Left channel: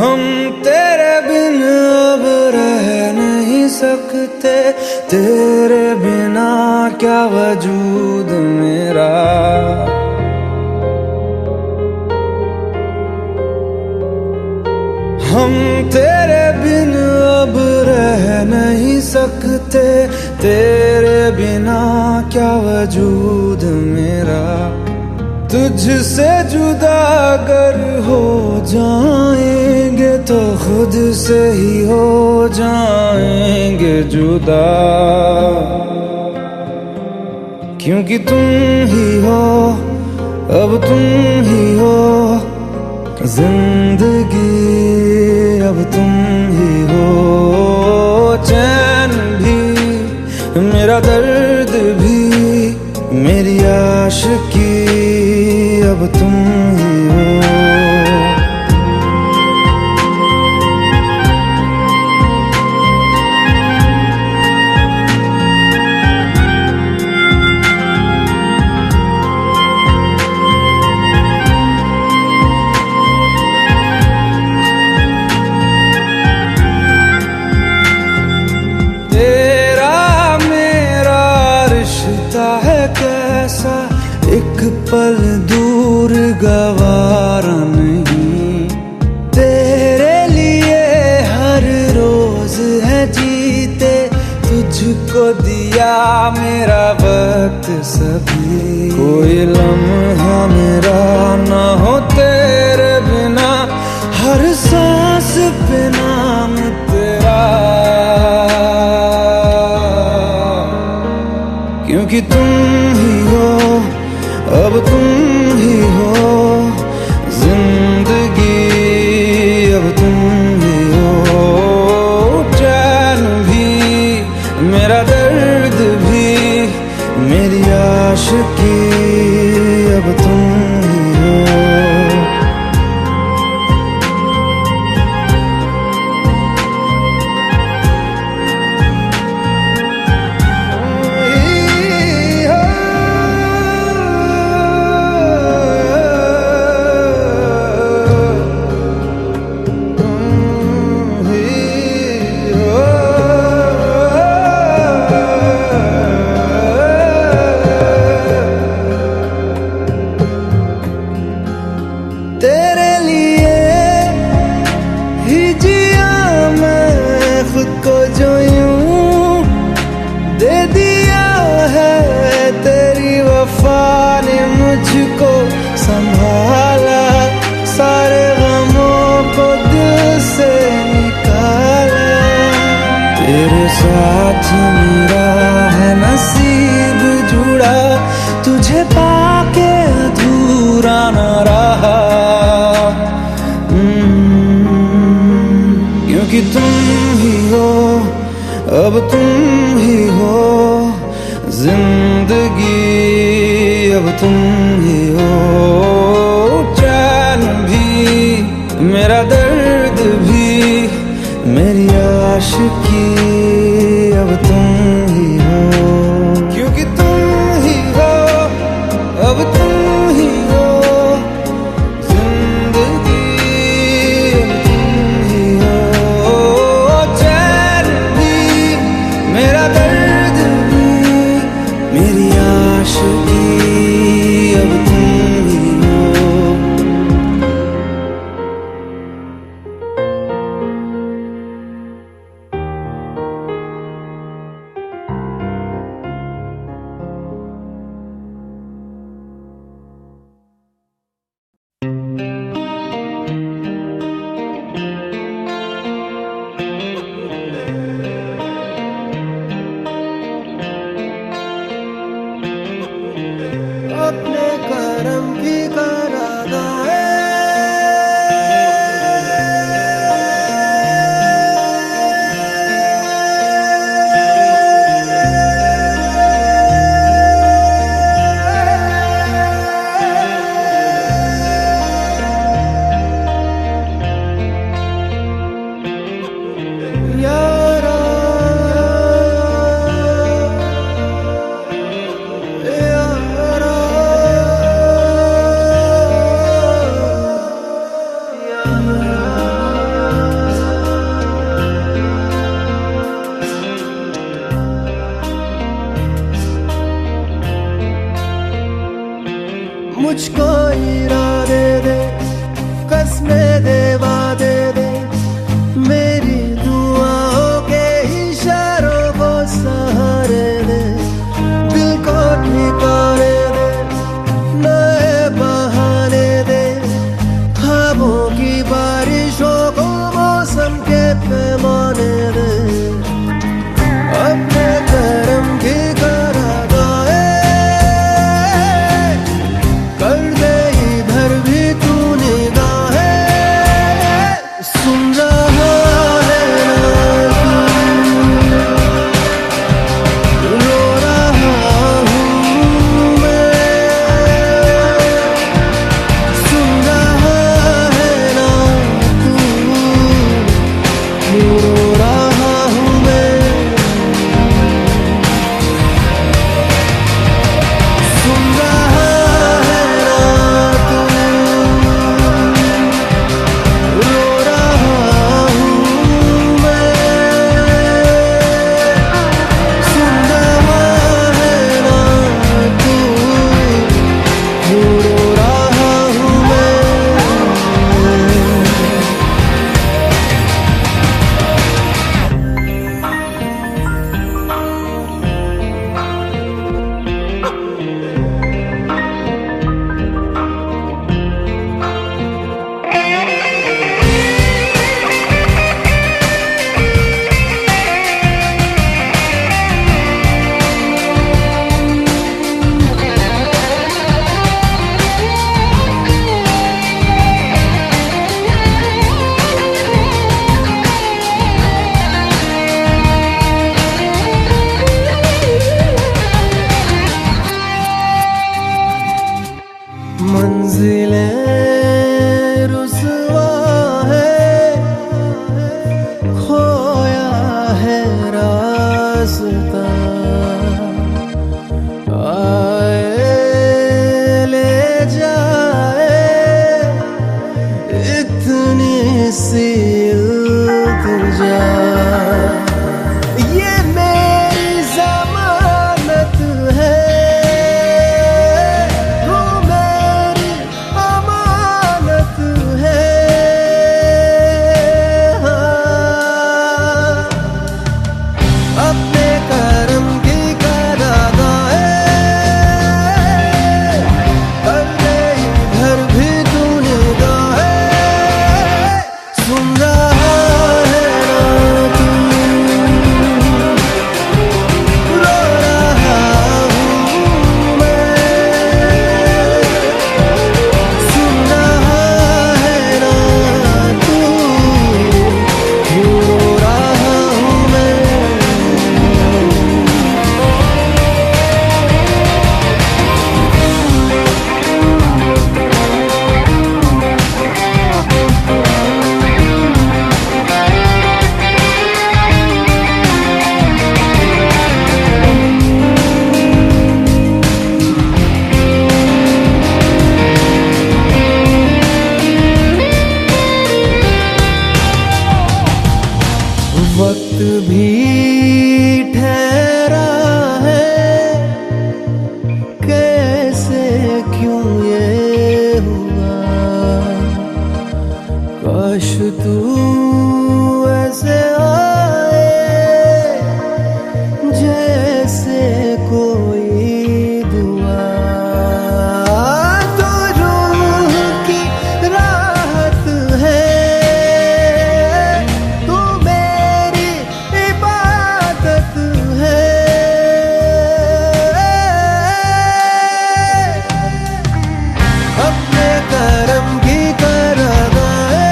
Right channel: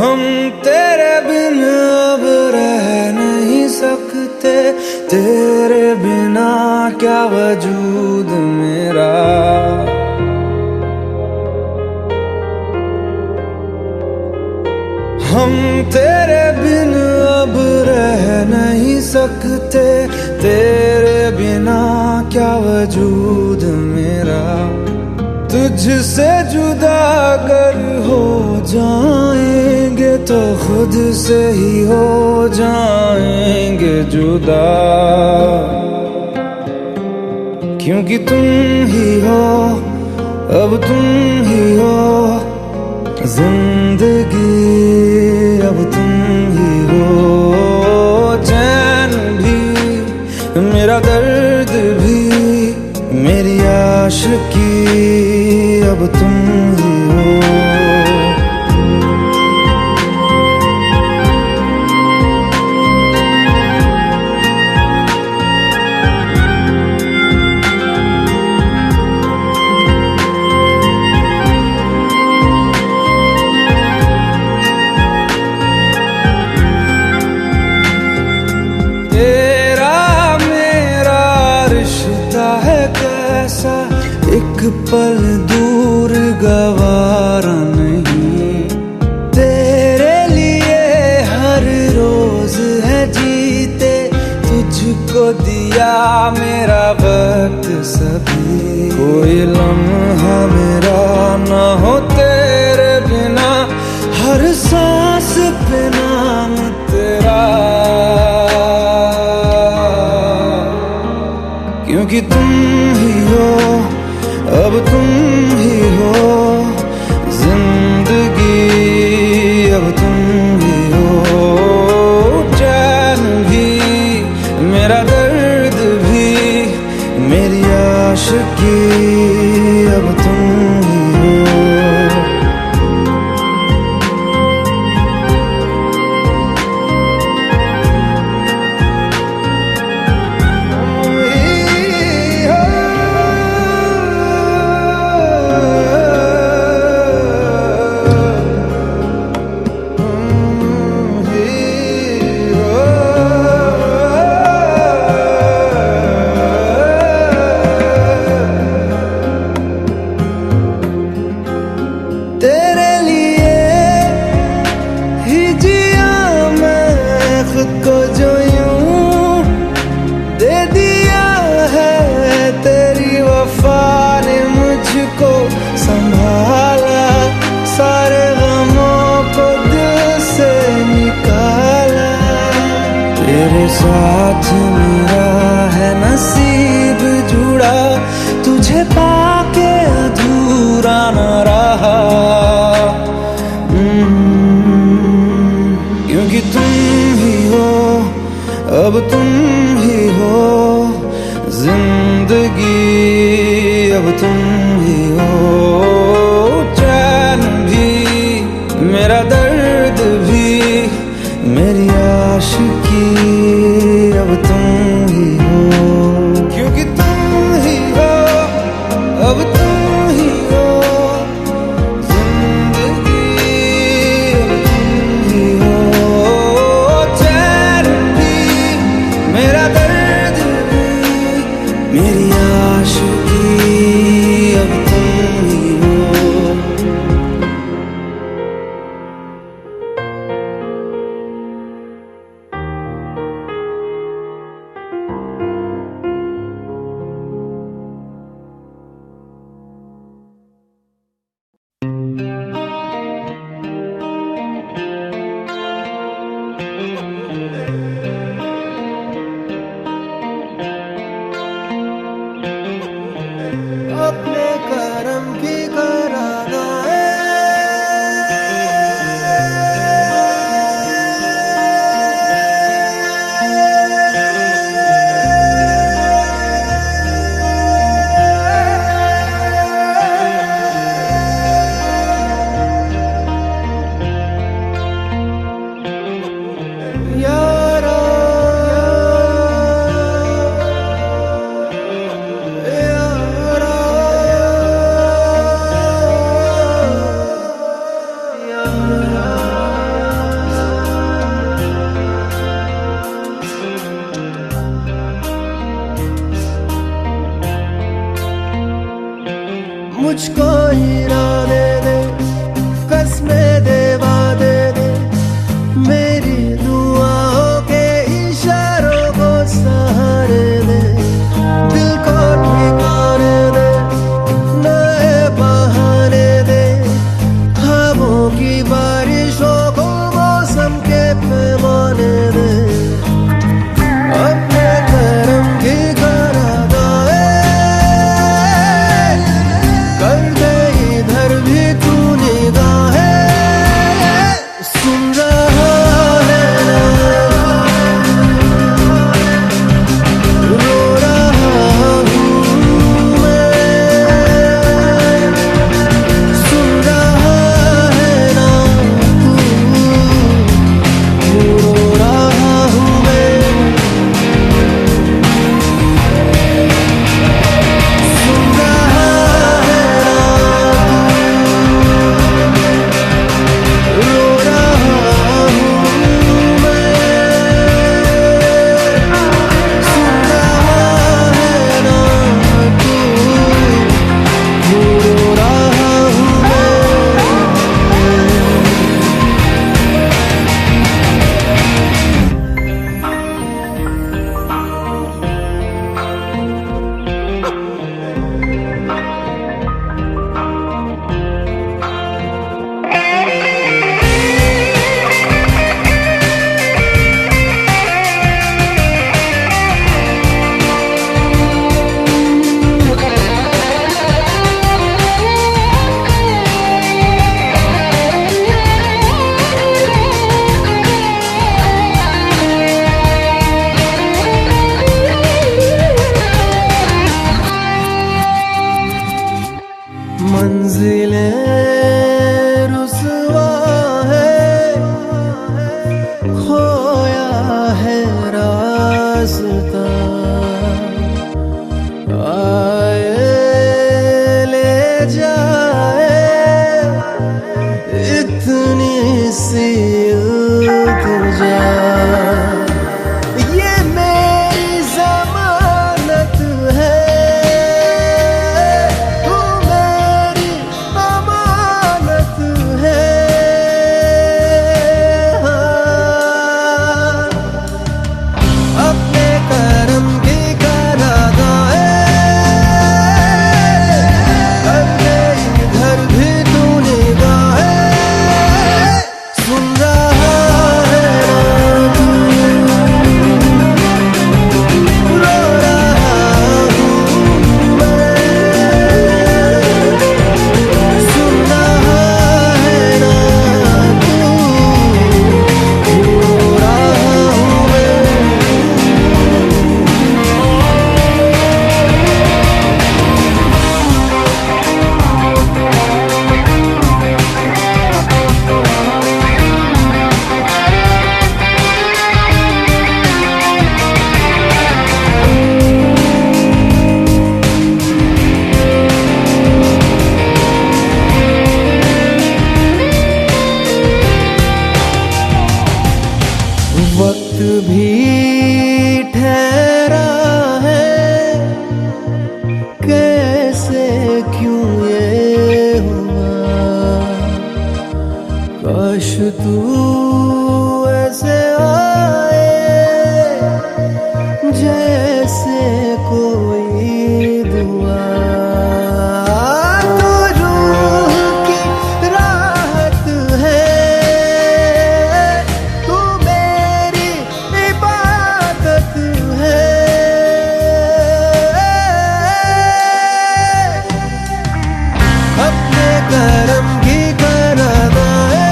हम तेरे बिन अब रह नहीं सकते, तेरे बिना क्या वजूद मेरा। हम तेरे बिन अब रह नहीं सकते, तेरे बिना क्या वजूद मेरा। तुझसे जुदा अगर हो जाएंगे तो खुद से ही हो जाएंगे जुदा, क्योंकि तुम ही हो, अब तुम ही हो जिंदगी, अब तुम ही हो। चैन भी मेरा दर्द भी मेरी आशिकी, अब तुम ही हो। कैसा एक पल दूर गवारा नहीं, तेरे लिए हर रोज है जीते, तुझको दिया मेरा वक्त सभी। कोई लम्हा मेरा ना हो तेरे बिना, हर सांस पे नाम तेरा, क्योंकि तुम ही हो, अब तुम ही हो जिंदगी, अब तुम ही हो। चैन भी मेरा दर्द भी मेरी आशिकी, अब तुम ही हो। तेरे लिए ही जिया मैं खुद को, जो यूं दे दिया है तेरी वफा ने मुझको संभाला, सारे गमों को दिल से निकाला। तेरे साथ मेरा है नसीब जुड़ा, तुझे पाके अधूरा न रहा, क्योंकि तुम ही हो, अब तुम ही हो जिंदगी, अब तुम ही हो। चैन भी मेरा दर्द भी मेरी आशिकी, अब तुम ही हो, क्योंकि तुम ही हो, अब तुम ही हो जिंदगी, अब तुम ही हो। चैन भी मेरा दर्द भी मेरी आशिकी, अब तुम ही हो। अपने करम की करादाए, यारा यारा मुझको इरादे दे, कसमें दे, वादे दे, मेरी दुआओं के इशारों को सहारे दे, दिल को ठिकाने दे, नए बहाने दे, ख्वाबों की बारिशों को मौसम के पैमाने दे, अपने करम की करादाए कर दे इधर भी तू निगाहें, सुन रहा है ना तू, रो रहा हूँ मैं, सुन रहा है ना तू, रो रहा हूँ मैं, सुन रहा है ना तू, रो रहा हूँ मैं, सुन रहा है ना तू, रो रहा हूँ मैं। मंजिलें रुसवा है, खोया है रास्ता, आए ले जाए इतनी सी इल्तिजा, ये मेरी जमानत है, तू मेरी अमानत है, हाँ। अपने करम की करादाए कर दे इधर भी तू निगाहें, सुन रहा है ना तू, रो रहा हूँ मैं, सुन रहा है ना तू, रो रहा हूँ मैं। वक्त भी ठहरा है, कैसे क्यों ये हुआ, काश तू ऐसे आए जैसे कोई दुआ, तो रूह की राहत है, तू मेरी इबादत है, अपने करम की करादाए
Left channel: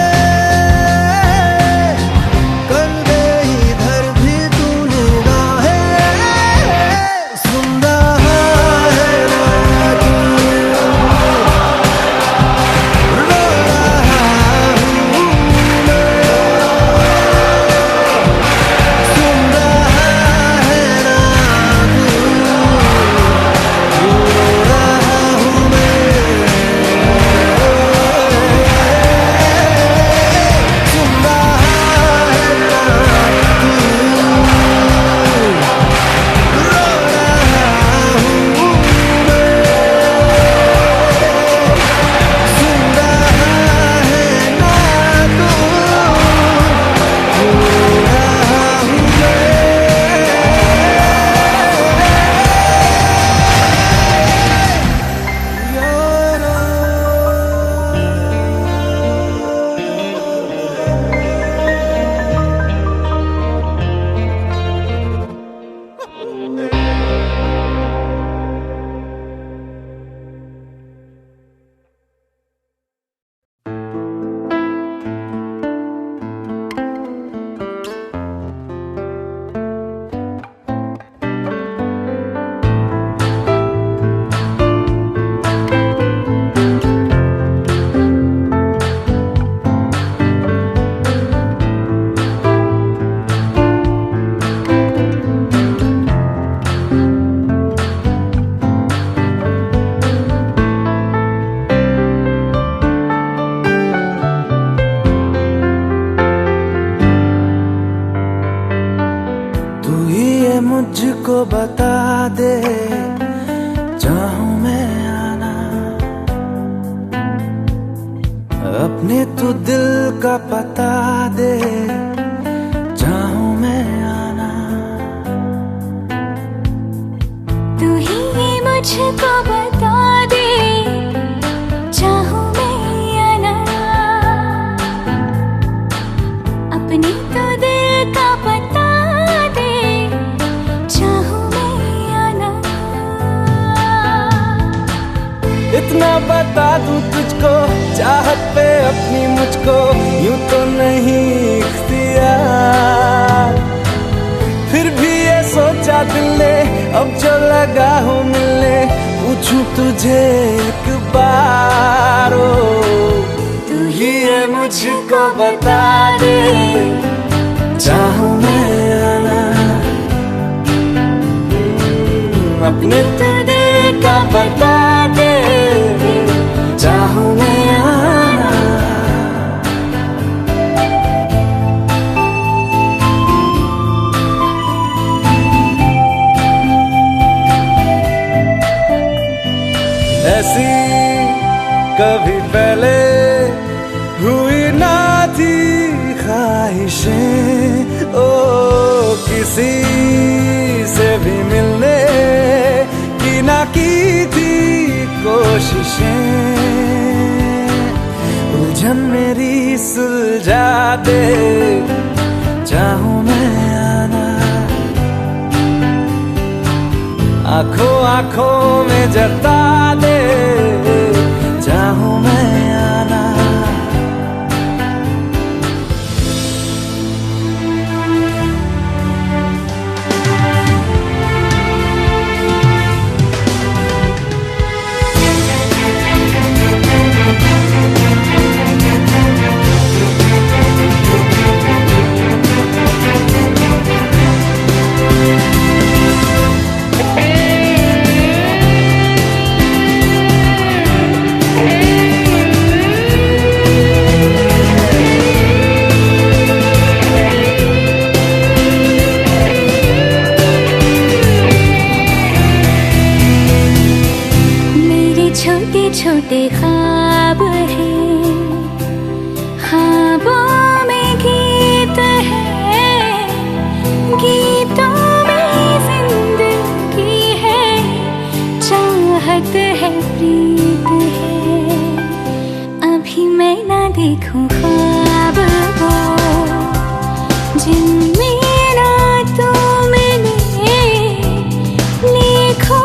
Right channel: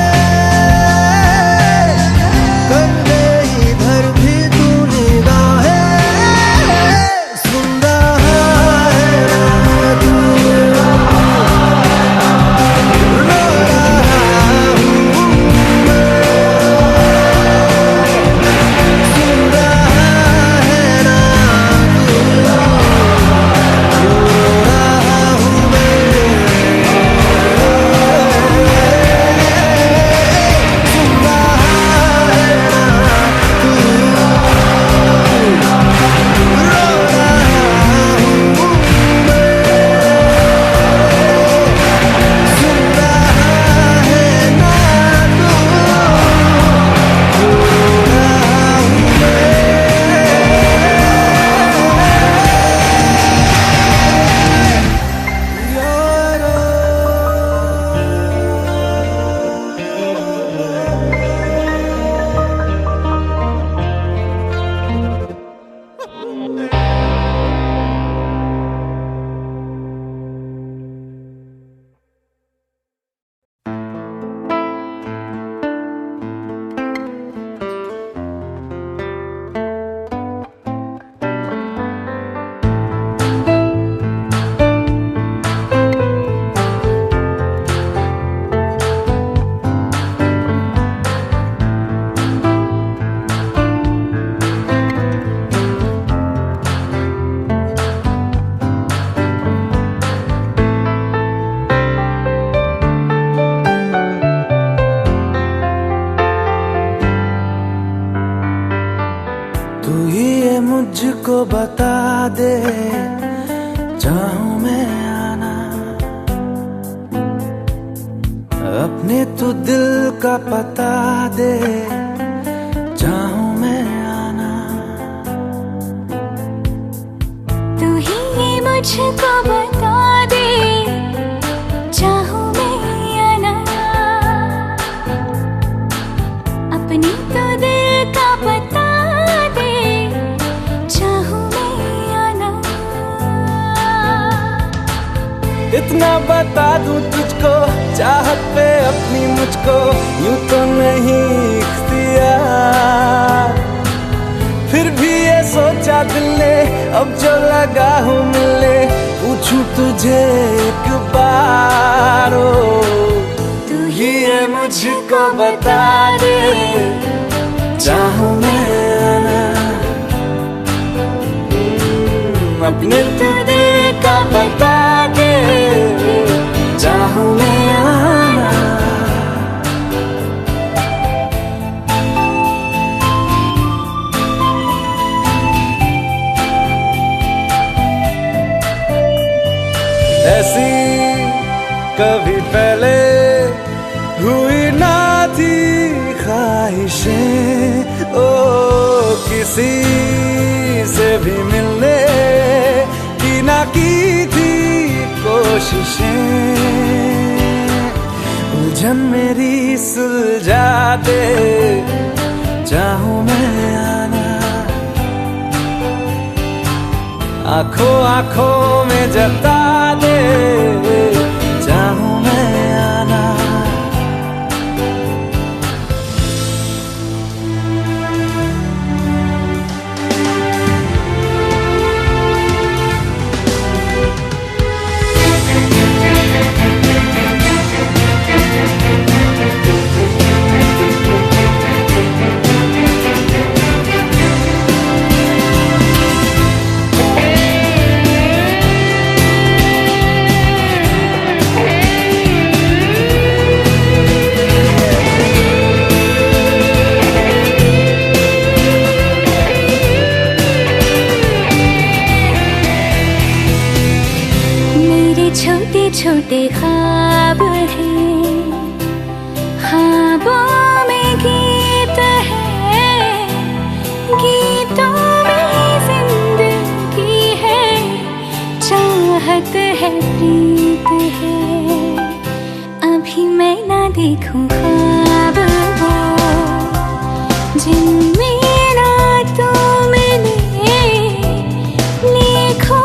कर दे इधर भी तू निगाहें, सुन रहा ये मुझको बता दे, चाहूं मैं आना अपने तू दिल का पता दे, चाहूं मैं आना। तू ही ये मुझको बता दे, चाहूं मैं आना अपने तो दिल का पता दे, चाहूं मैं आना। इतना बता दूं तुझको, चाहत पे अपनी मुझको यूं तो नहीं इख्तियार, फिर भी ये सोचा दिल ने अब जो लगा हूँ मिलने, पूछूं तुझे एक बार। ओ तू ही ये मुझको बता दे, चाहूं मैं आना अपने तो दिल का बता दे, चाहूं मैं आना। ऐसी कभी पहले हुई ना थी ख्वाहिशें, ओ किसी से भी मिलने की ना की थी कोशिशें, उलझन मेरी सुलझा दे, चाहूं मैं आना आंखों आंखों में जता दे, चाहूं मैं आना। छोटे छोटे ख्वाब हैं, ख्वाबों में गीत है, गीतों में जिंदगी है, चाहत है प्रीत है। अभी मैं ना देखूं ख्वाब वो जिनमें ना तू मिले, लिखो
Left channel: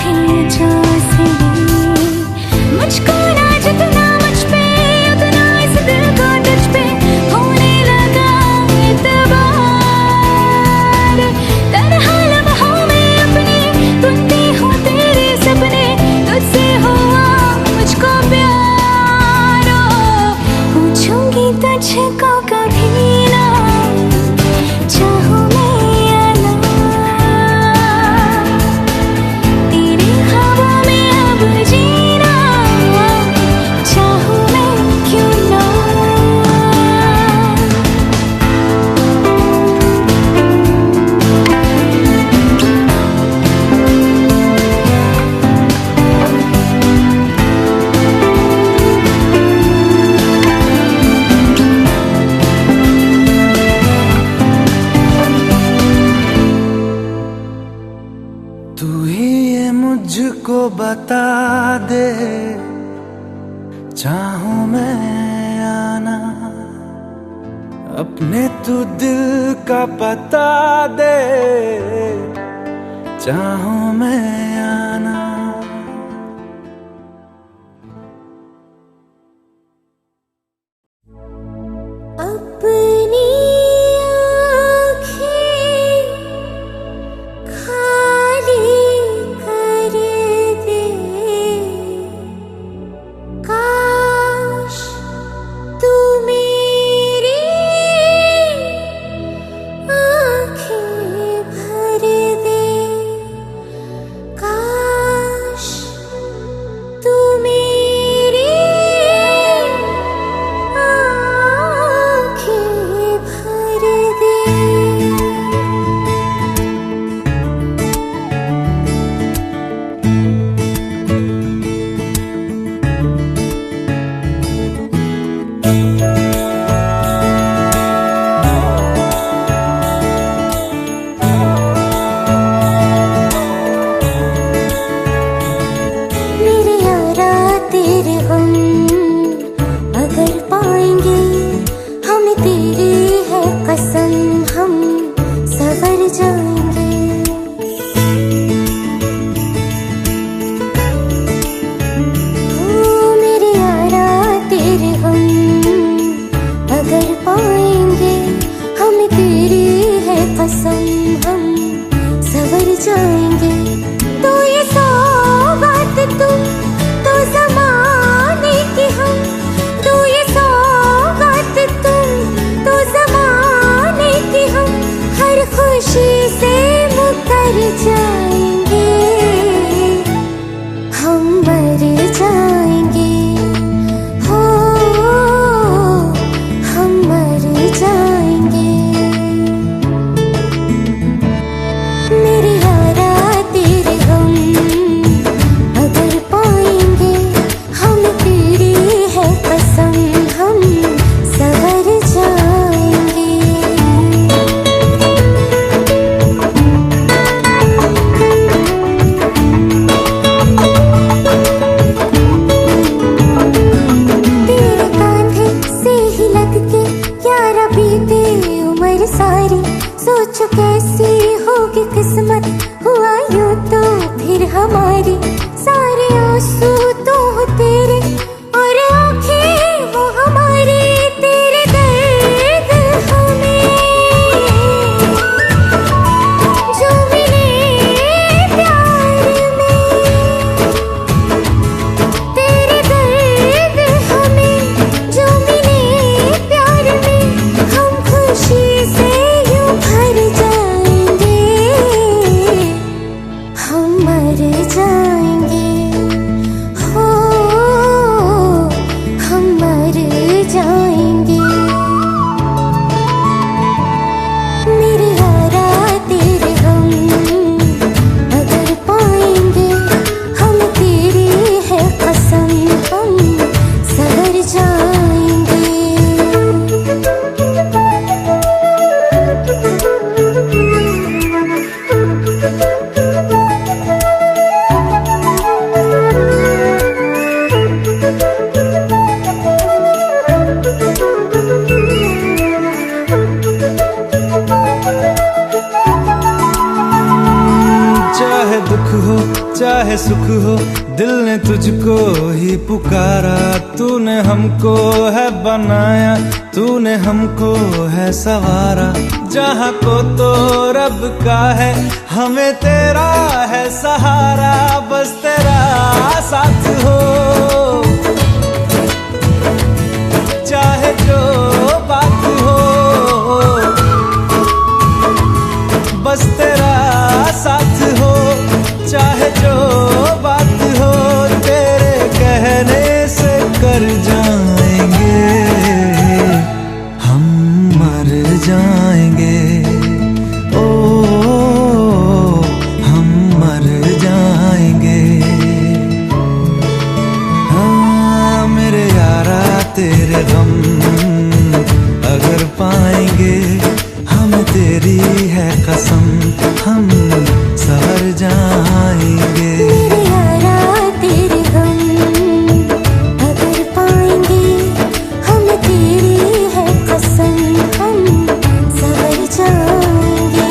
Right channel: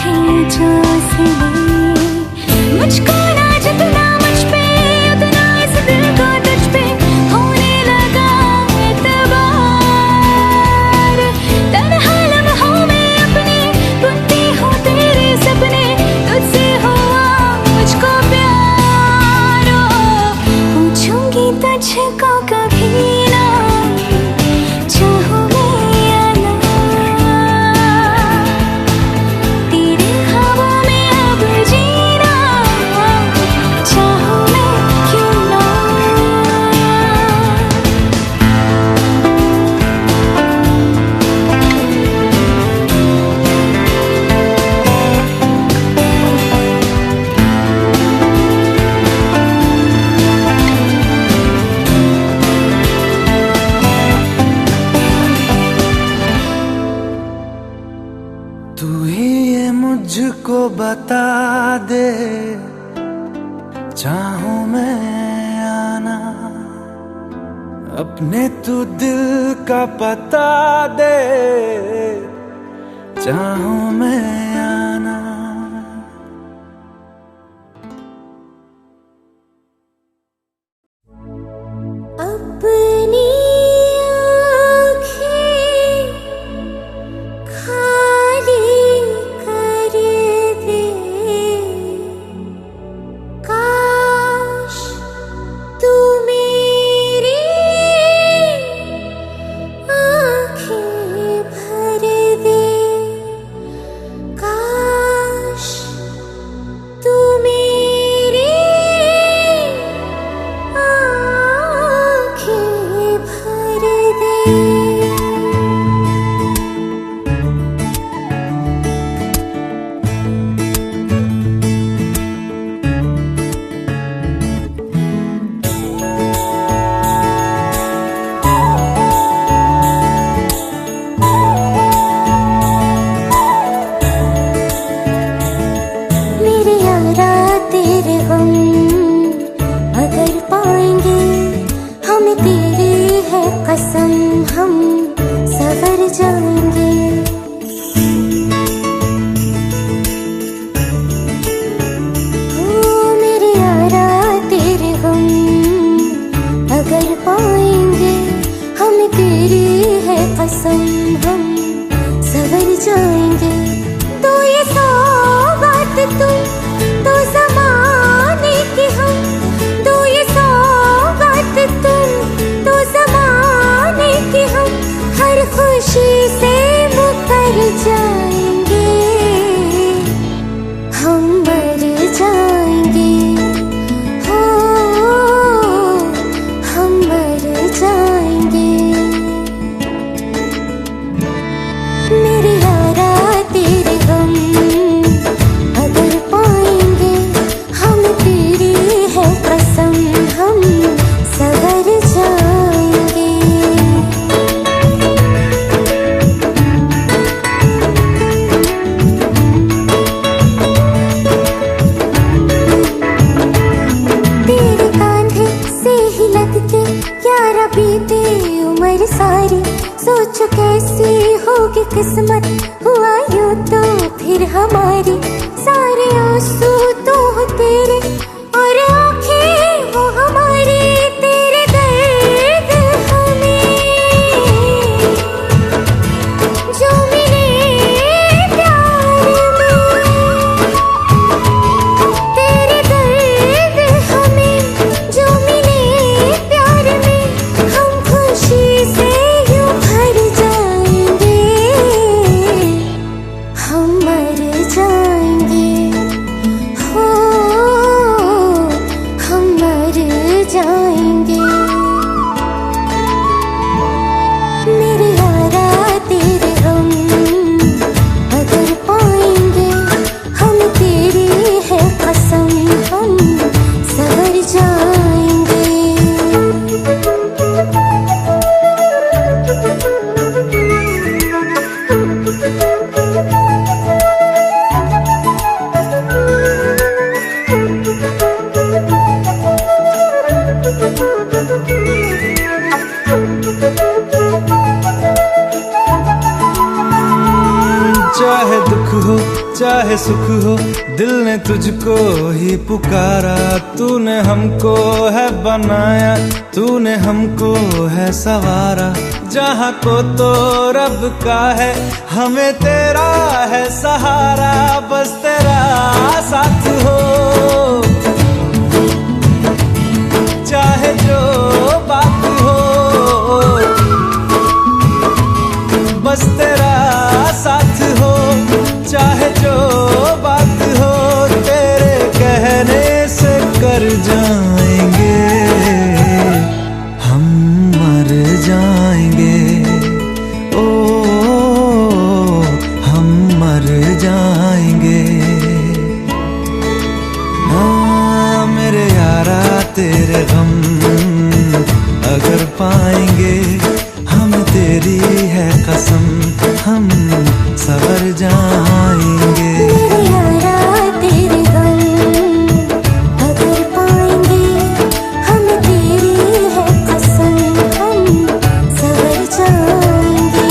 थे जो सिले, मुझको ना जितना मुझ पे उतना इस दिल को तुझ पे होने लगा एतबार। तन्हा लम्हों में अपने बुनती हूँ तेरे सपने, तुझसे हुआ मुझको प्यार। पूछूंगी तुझको कभी ना, चाहूं तू ही ये मुझको बता दे, चाहूं मैं आना अपने तू दिल का पता दे, चाहूं मैं आना। अपनी जाएंगे। ओ मेरे यारा तेरे गम अगर पाएंगे, हमें तेरी है कसम, हम सवर जाएंगे। तो ये सौगात तुम तो ज़माने की हम, तो ये सौगात तुम तो ज़माने की हम, हर खुशी से मुकर जाएंगे, हम मर जाएंगे, हो हम मर जाएंगे। मेरे यारा तेरे गम अगर पाएंगे, हम तेरी है कसम, हम सवर जाएंगे। तेरे कांधे से ही लग के यारा बीते उम्र सारी, सोचो कैसी होगी किस्मत, हुआ यूं तो फिर हमारी। सारे आंसू तो हो तेरे और आंखें वो हमारी, तेरे दर्द हमें जो मिले प्यार में, तेरे दर्द हमें जो मिले प्यार में, हम खुशी से यूं भर जाएंगे, हम मर जाएंगे, हो हम मर जाएंगे। मेरे यारा तेरे गम अगर पाएंगे, हम तेरी है कसम, हम सवर जाएंगे। चाहे दुख हो चाहे सुख हो, दिल ने तुझको ही पुकारा। तूने हमको है बनाया, तूने हमको है सवारा। जहाँ को तो रब का है, हमें तेरा है सहारा। बस तेरा साथ हो, चाहे जो बात हो, बस तेरा साथ हो, चाहे जो बात हो। तेरे कहने से कर जाएंगे, हम मर जाएंगे, ओ हम मर जाएंगे। हाँ मेरे यारा तेरे गम अगर पाएंगे, हम तेरी है कसम, हम सवर जाएंगे। मेरे यारा तेरे गम अगर पाएंगे, हम तेरी है कसम, हम सवर जाएंगे।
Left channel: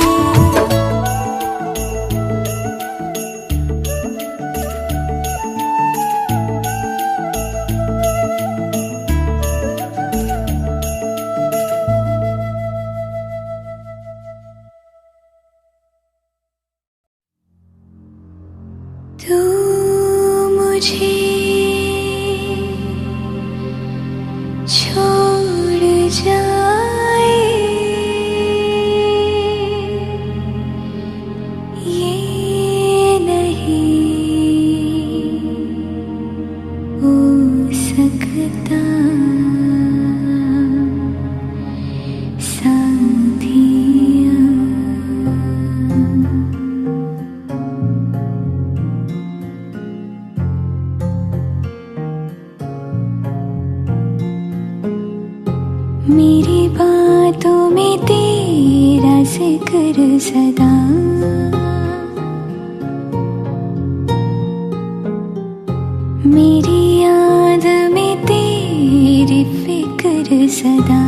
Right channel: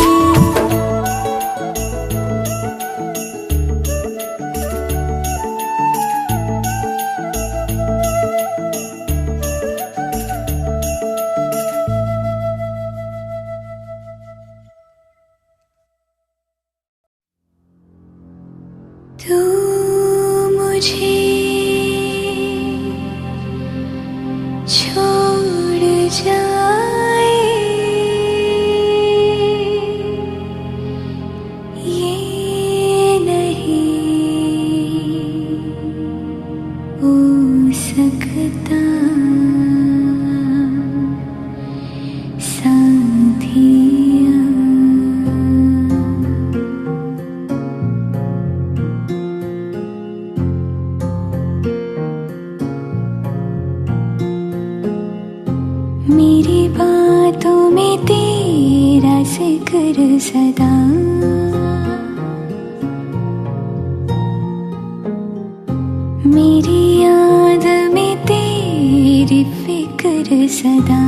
तू मुझे छोड़ जाए, ये नहीं हो सकता साथिया। मेरी बातों में तेरा जिक्र सदा, मेरी याद में तेरी फिक्र सदा।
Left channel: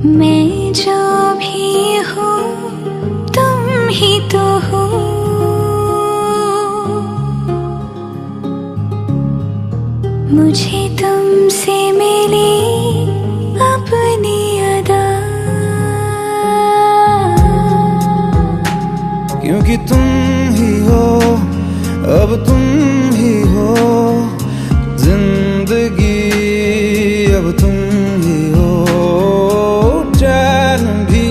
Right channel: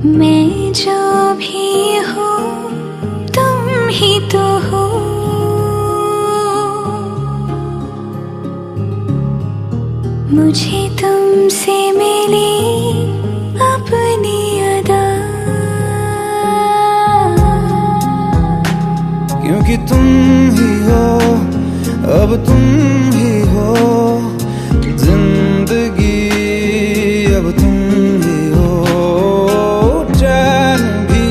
मैं जो भी हूँ तुम ही तो हो। मुझे तुमसे मिली अपनी अदा, क्योंकि तुम ही हो, अब तुम ही हो जिंदगी, अब तुम ही हो चैन भी,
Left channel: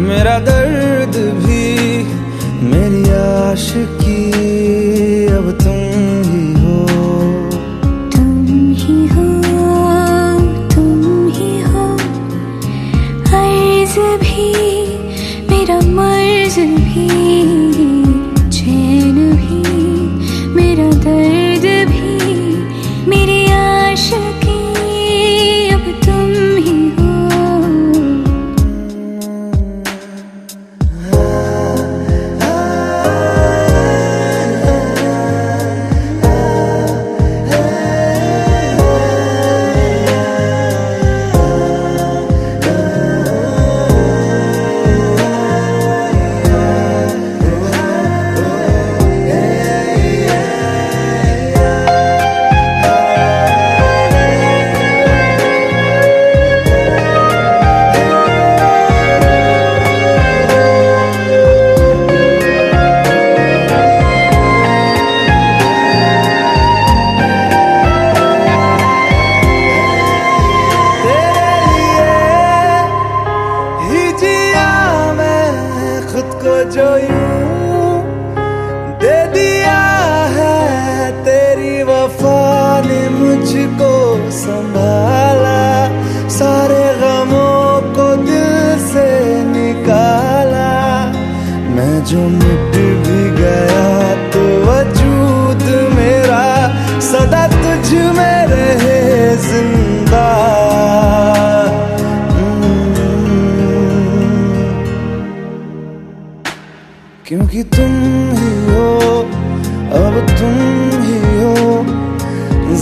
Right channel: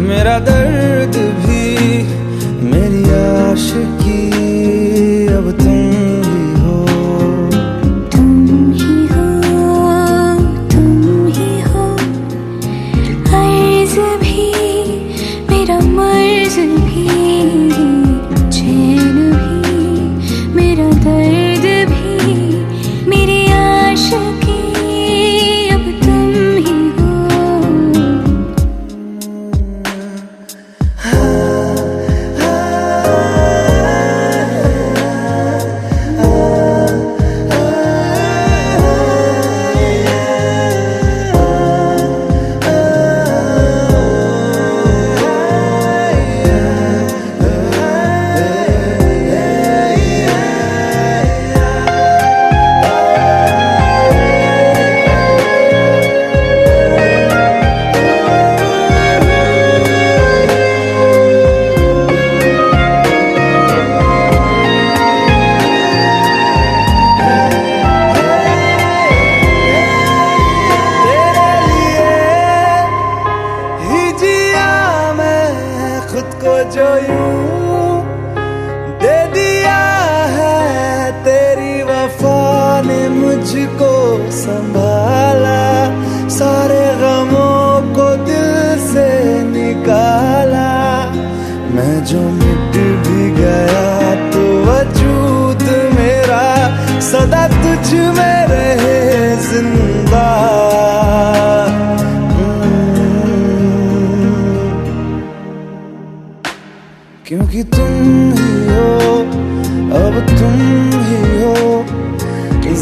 मेरा दर्द भी, मेरी आशिकी, अब तुम ही हो। तुम ही हो, तुम ही हो, अर्ज भी मेरा मर्ज भी, चैन भी मेरा दर्द भी, मेरी आशिकी, अब तुम ही हो। खुद को जो यूं दे दिया है, तेरी वफा ने मुझको संभाला, सारे गमों को दिल से निकाला। मैं जो मिट भी गया तो वजूद मेरा सदा तुझ में रहे जिंदा। क्योंकि तुम ही हो, अब तुम ही हो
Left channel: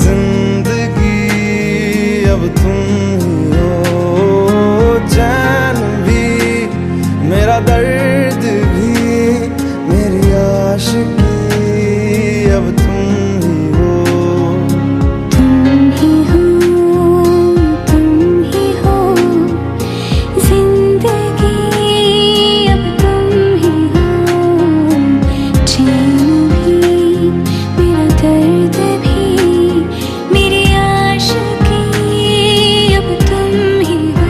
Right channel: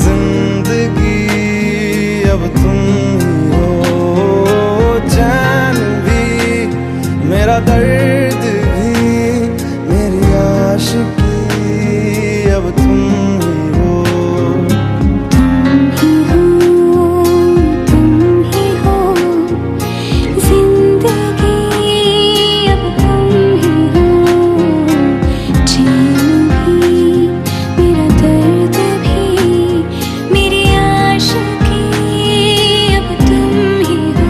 जिंदगी, अब तुम ही हो चैन भी, मेरा दर्द भी, मेरी आशिकी, अब तुम ही हो। तुम ही हो, तुम ही हो जिंदगी, अब तुम ही हो चैन भी, मेरा दर्द भी, मेरी आशिकी, अब तुम ही हो।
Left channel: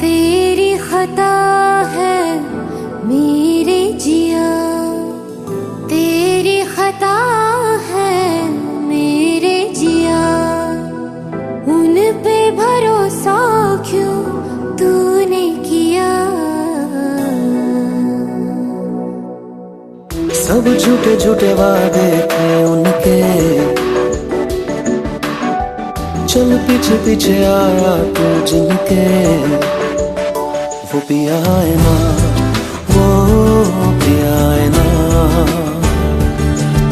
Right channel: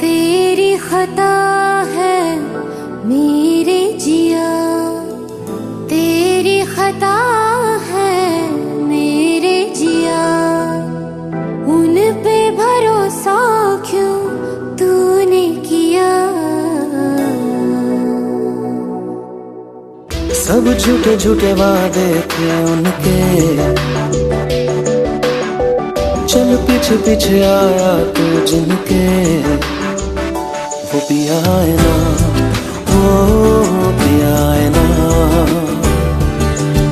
तेरी खता है मेरे जिया, तेरी खता है मेरे जिया, उन पे भरोसा क्यों तूने किया। सब झूठे झूठे वादे थे उनके, चल पीछे पीछे आया तू जिनके, वो पिया है ना, वो पिया है ना,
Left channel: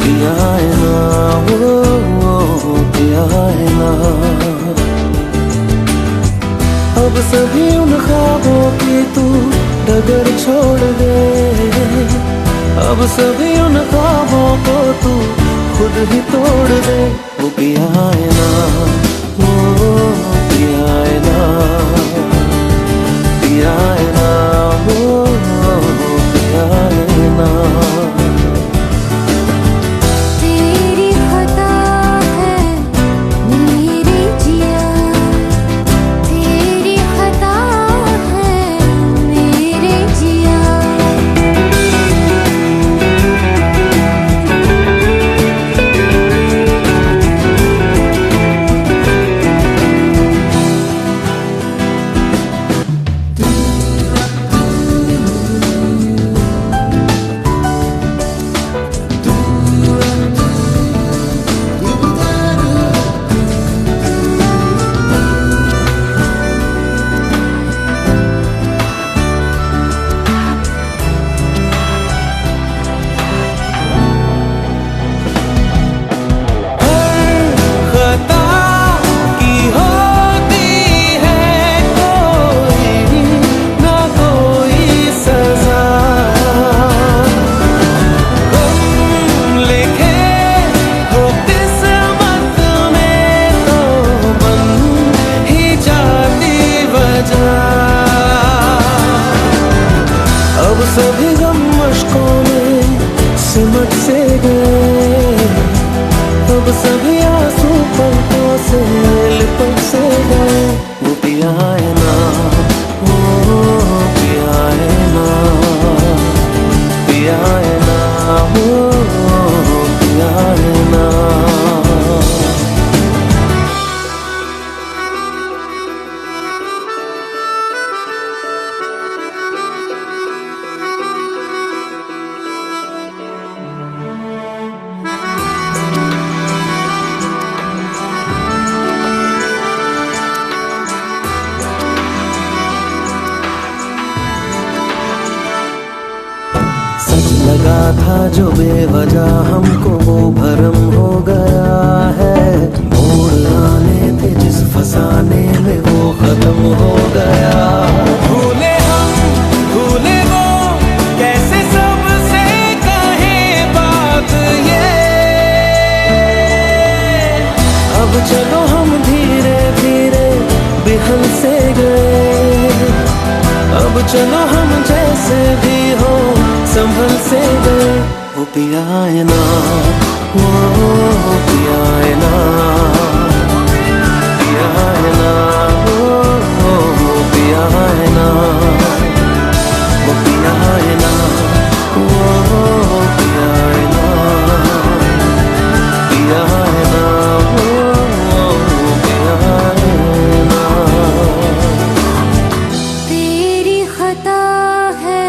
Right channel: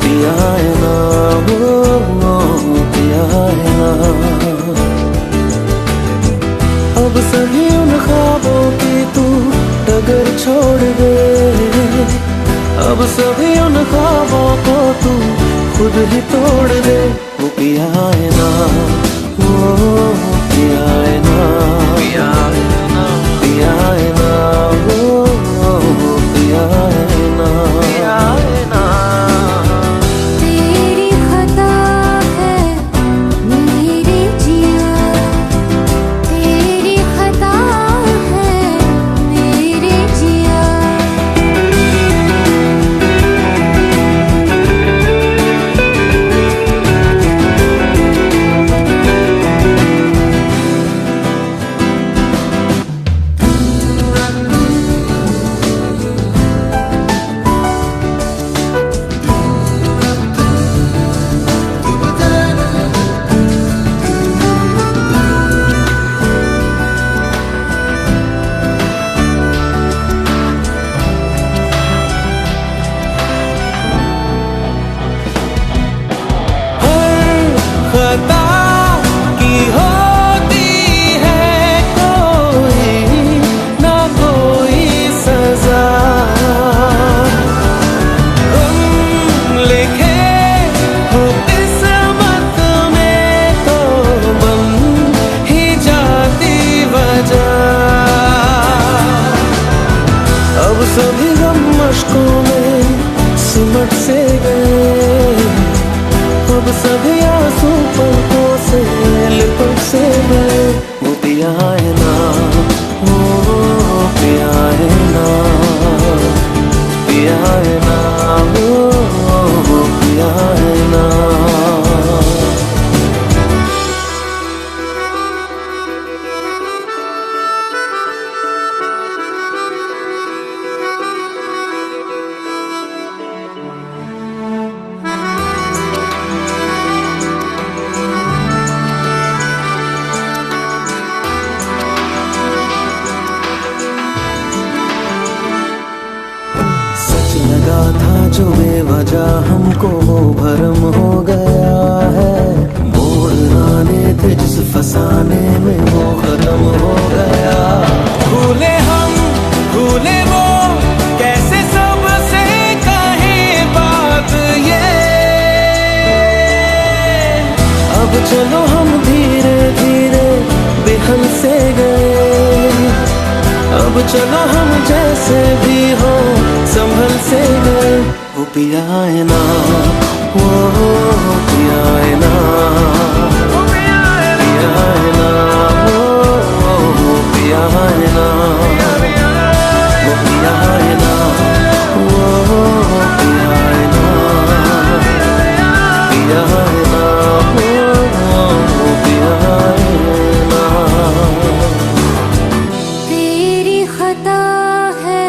पिया है ना, वो पिया है ना। अब सभी उन ख्वाबों की तू डगर छोड़ दे, अब सभी उन ख्वाबों को तू खुद ही तोड़ दे। वो पिया है ना, वो पिया है ना, पिया है ना, वो पिया है ना। तेरी खता अश्कों में सिमट से गए, अब सभी आंसू पलकों से लिपट से गए। वो पिया है ना, वो पिया है ना, पिया है ना, वो पिया है ना। लगा था जो बेवजह हमको भरम हो गया है, मोड़ आने थे जिस फसाने में वो खत्म हो गया। भूले हम भूले वो, कैसे सबसे कहे बात ये। अब चलो हम धीरे धीरे बिहल से गए, अब चलो हम जैसे भी हो संभल से गए। वो पिया है ना, वो पिया है ना, पिया है ना, वो पिया है ना, वो पिया है ना, वो पिया है ना, पिया है ना, वो पिया है ना। तेरी खता है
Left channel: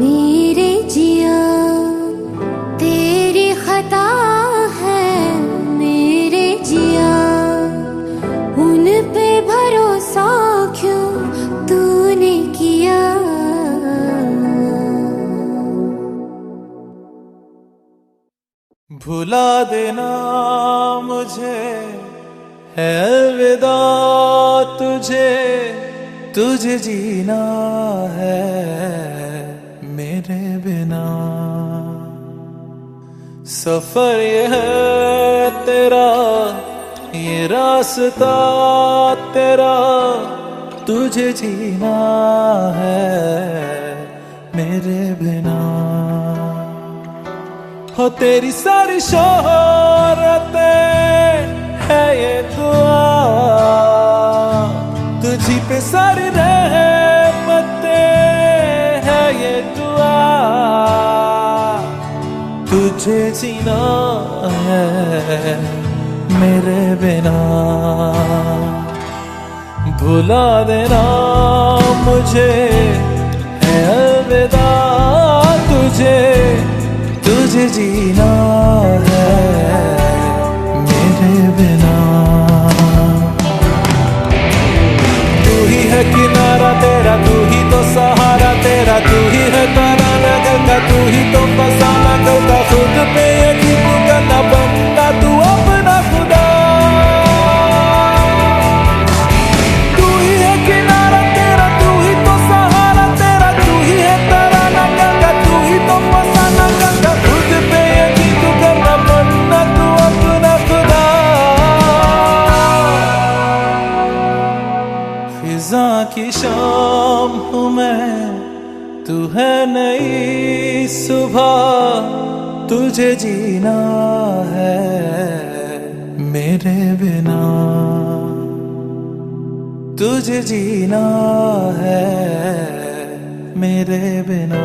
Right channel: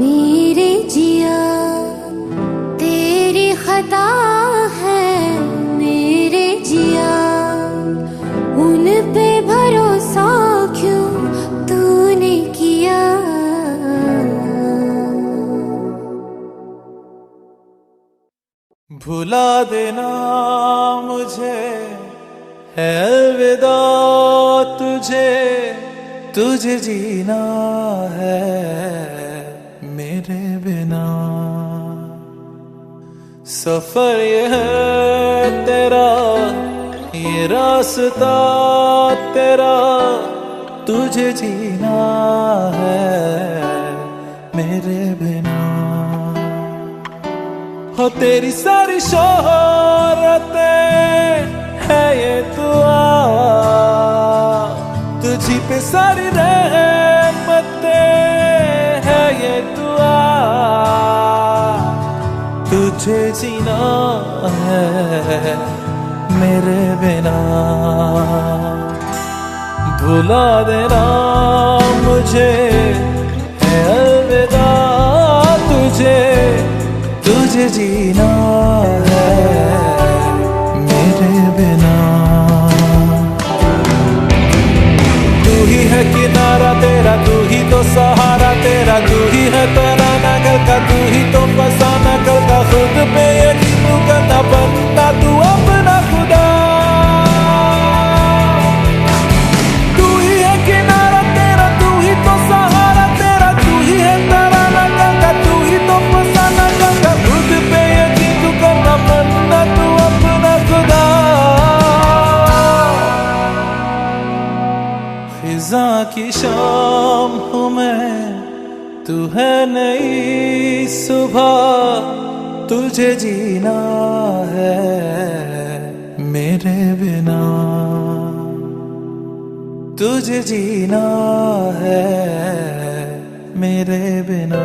मेरे जिया, तेरी खता है मेरे जिया, उन पे भरोसा क्यों तूने किया। भुला देना मुझे है अलविदा तुझे, तुझे जीना है मेरे बिना। सफर ये है तेरा, ये रास्ता तेरा, तुझे जीना है मेरे बिना। हो तेरी सारी शोहरतें है ये दुआ, तुझी पे सारी रहमतें है ये दुआ, तुझे जीना है मेरे बिना। भुला देना मुझे है अलविदा तुझे, तुझे जीना है मेरे बिना। तू ही है किनारा तेरा, तू ही तो सहारा तेरा, तू ही है तराना कल का, तू ही तो फसाना कल का। खुद पे यकीन तू करना, बनना तू अपना खुदा। तू ही है किनारा तेरा, तू ही तो सहारा तेरा, तू ही है तराना कल का, तू ही तो फसाना कल का। खुद पे यकीन तू करना, बनना तू अपना खुदा। फिजा की शाम हूँ मैं, तू है नई सुबह, तुझे जीना है मेरे बिना, तुझे जीना है मेरे बिना।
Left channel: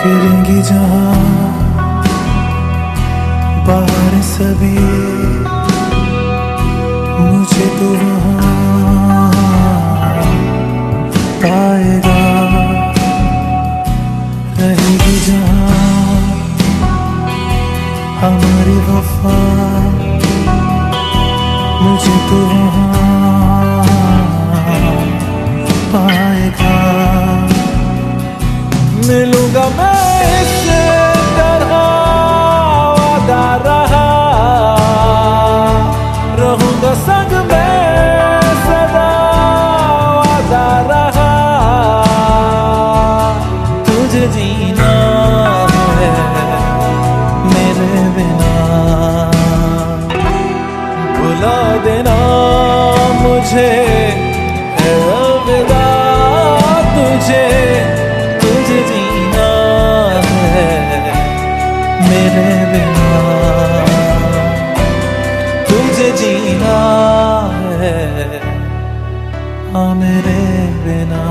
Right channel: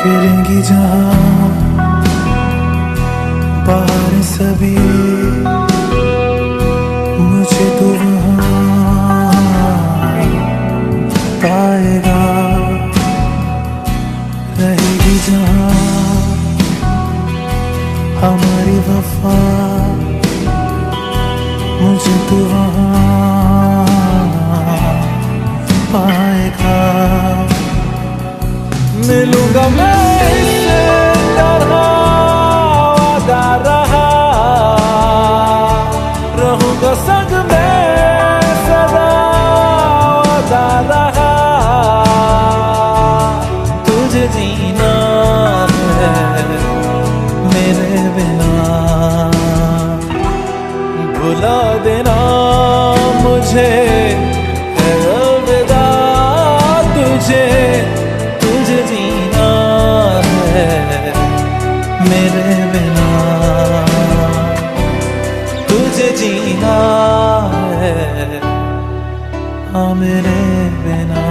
फिरेंगी जहाँ बाहर सभी, मुझे तो वहाँ पाएगा। रहेगी जहाँ हमारी वफा मुझे तो वहाँ पाएगा। मिलूंगा मैं इससे तरह वादा रहा, रहूंगा संग में सदा वादा रहा। तुझे जीना है मेरे बिना, भुला देना मुझे है अलविदा। तुझे जीना है मेरे बिना, तुझे जीना है हाँ मेरे बिना।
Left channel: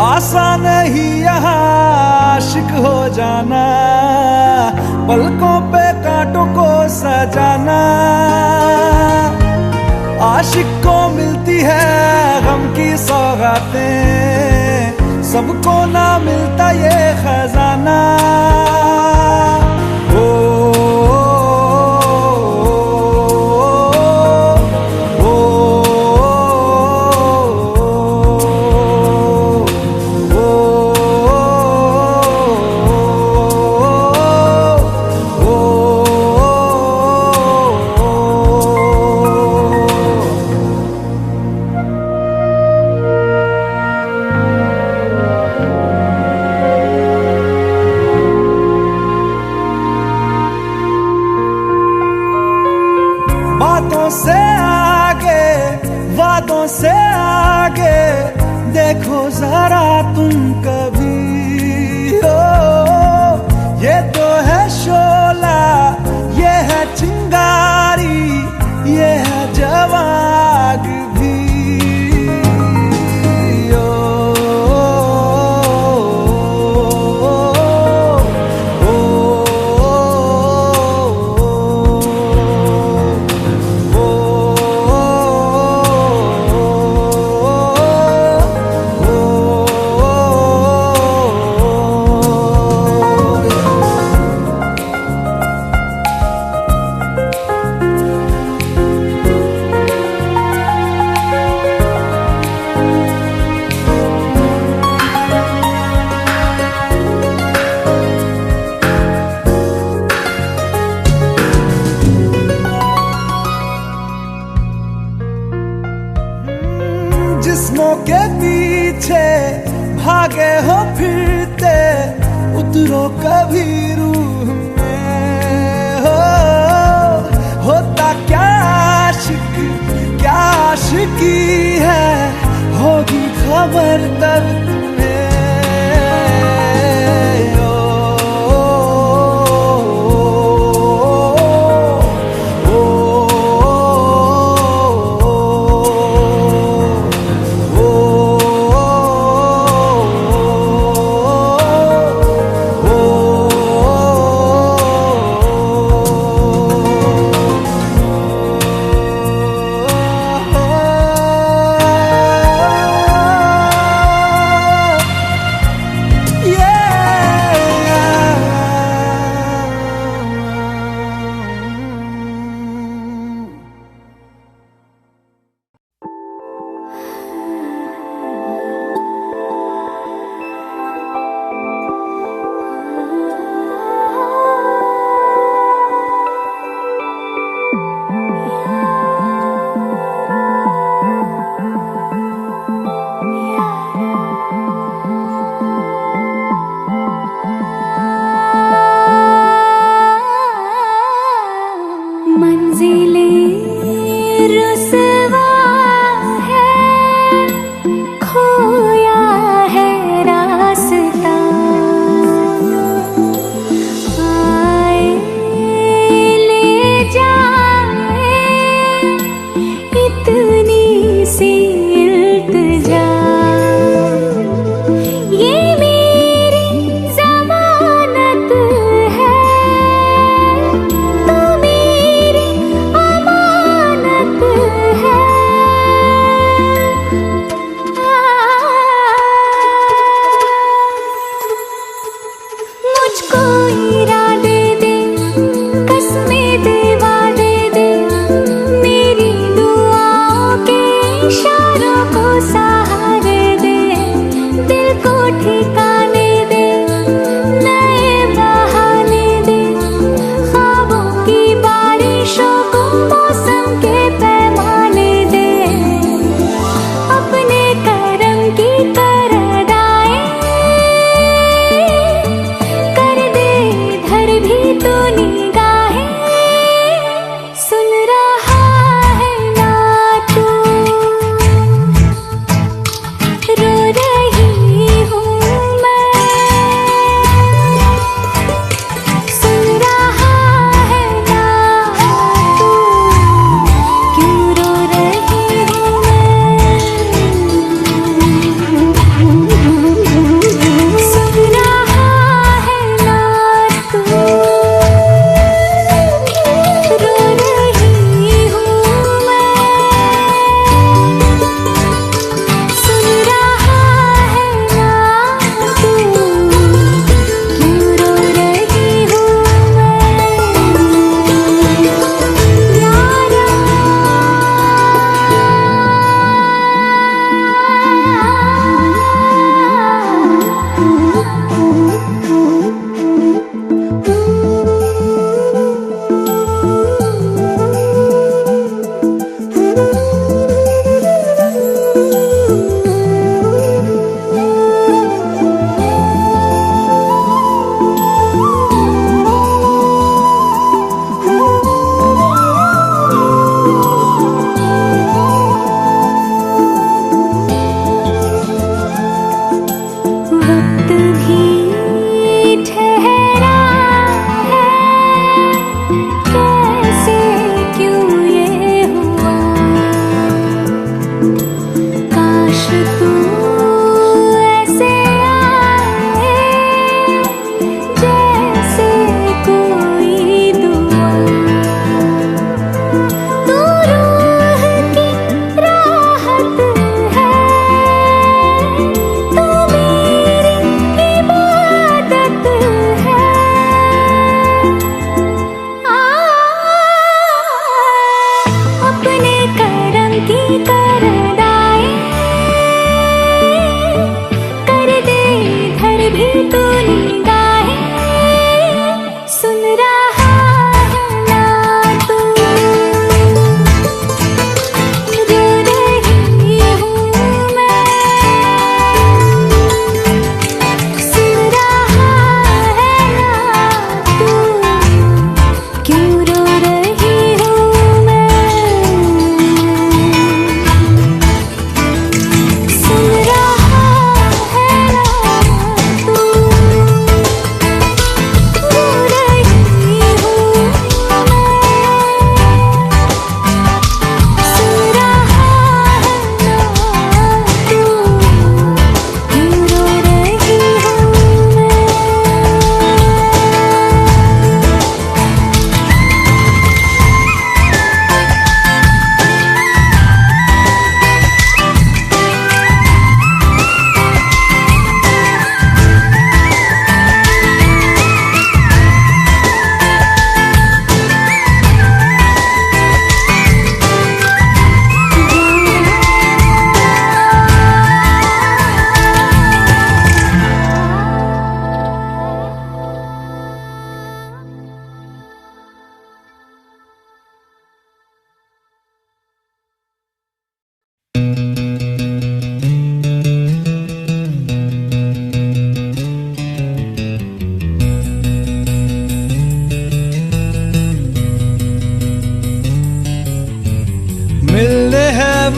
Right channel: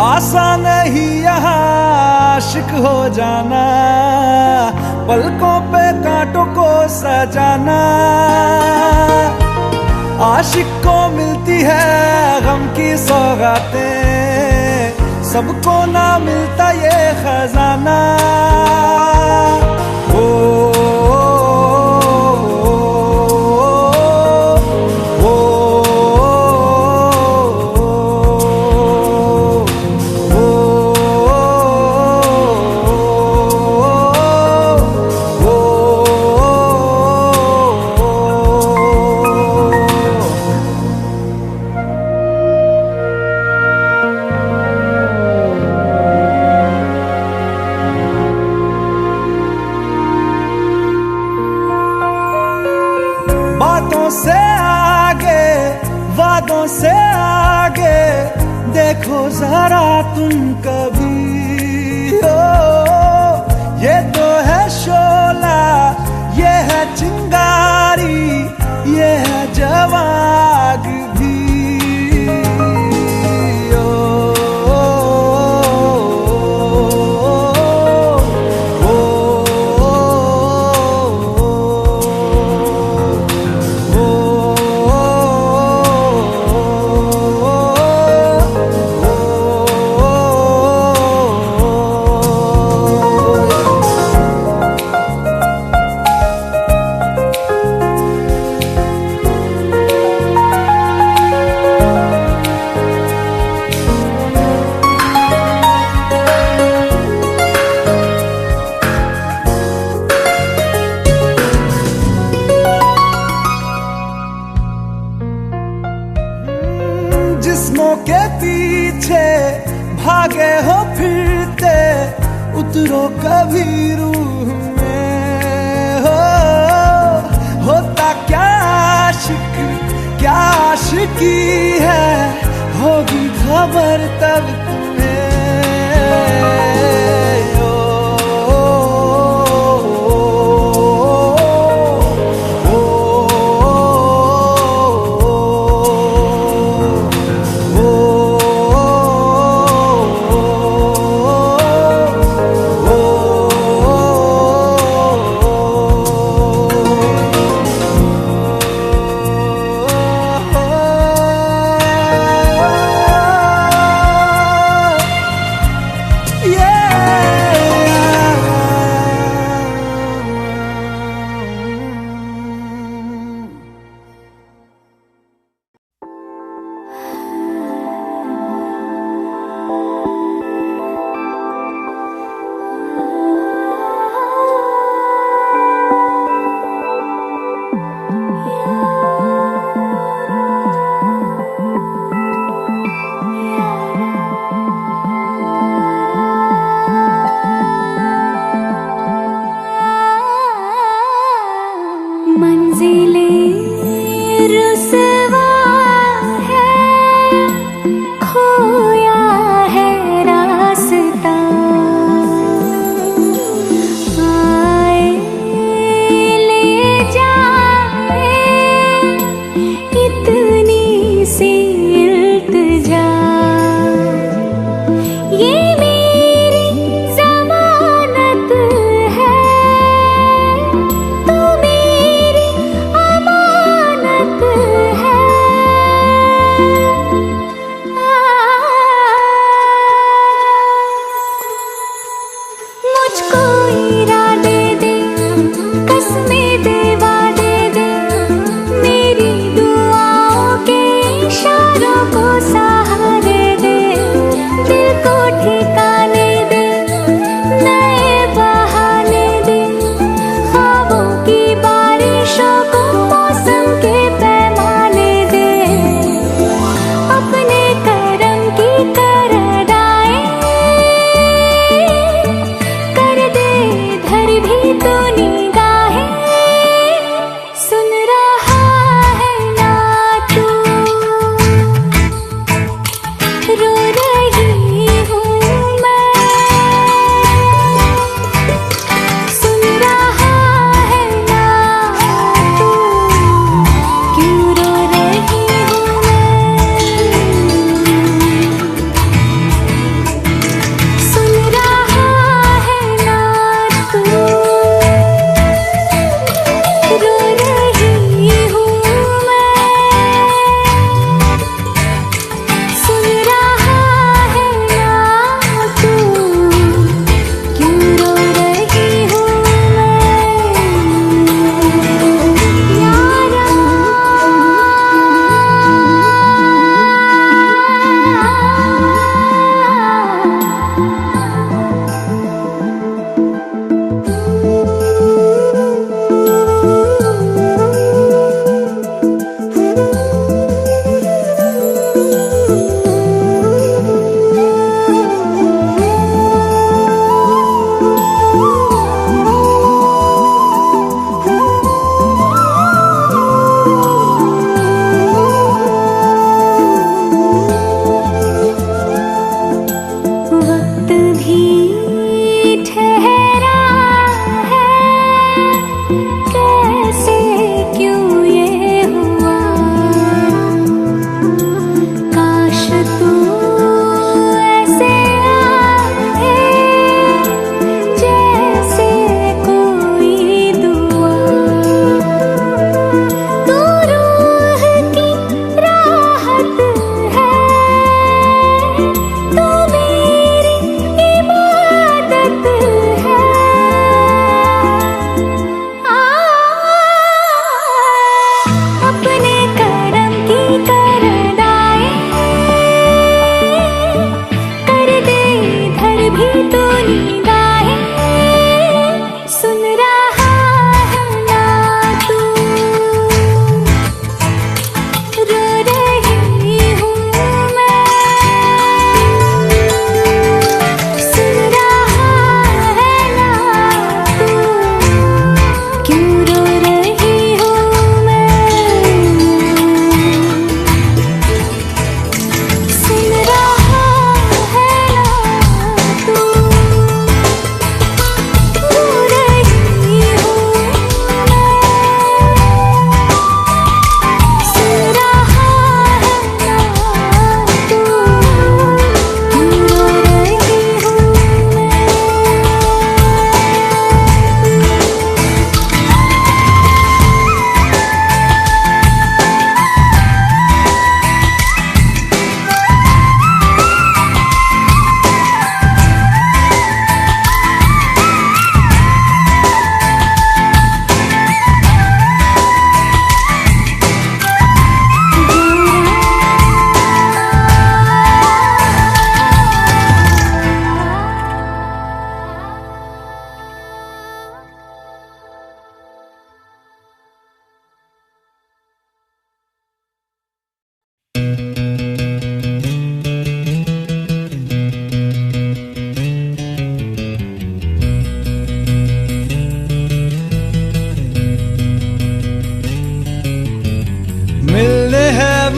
आसान नहीं यहाँ आशिक हो जाना, पलकों पे कांटों को सजाना। आशिक को मिलती है गम की सौगातें, सबको ना मिलता ये खजाना। बातों से आगे, वादों से आगे, देखो जरा तुम कभी हो। ये तो है शोला, ये है चिंगारी, ये है जवाग भी। जिस्मों के पीछे भागे हो फिरते, उतरो कभी रूह में हो। होता क्या आशिक, क्या आशिकी है, होगी खबर तब तुम्हें।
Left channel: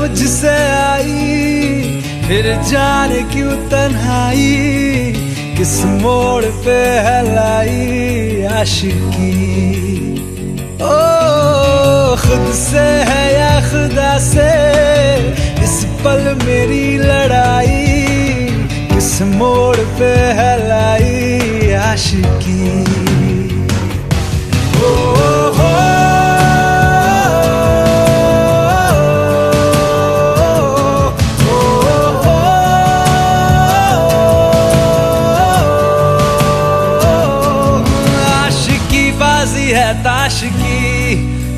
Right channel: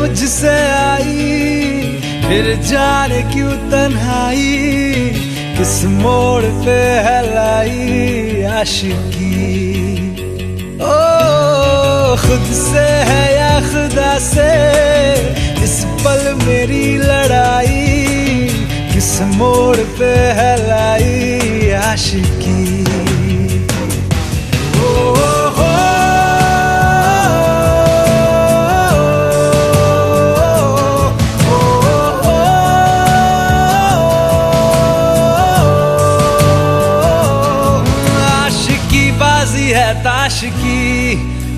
मुझसे आई, फिर जाने क्यों तन्हाई, किस मोड़ पे है लाई आशिकी। ओ खुद से है या खुदा से, इस पल मेरी लड़ाई, किस मोड़ पे है लाई आशिकी। बाजी है ताश की,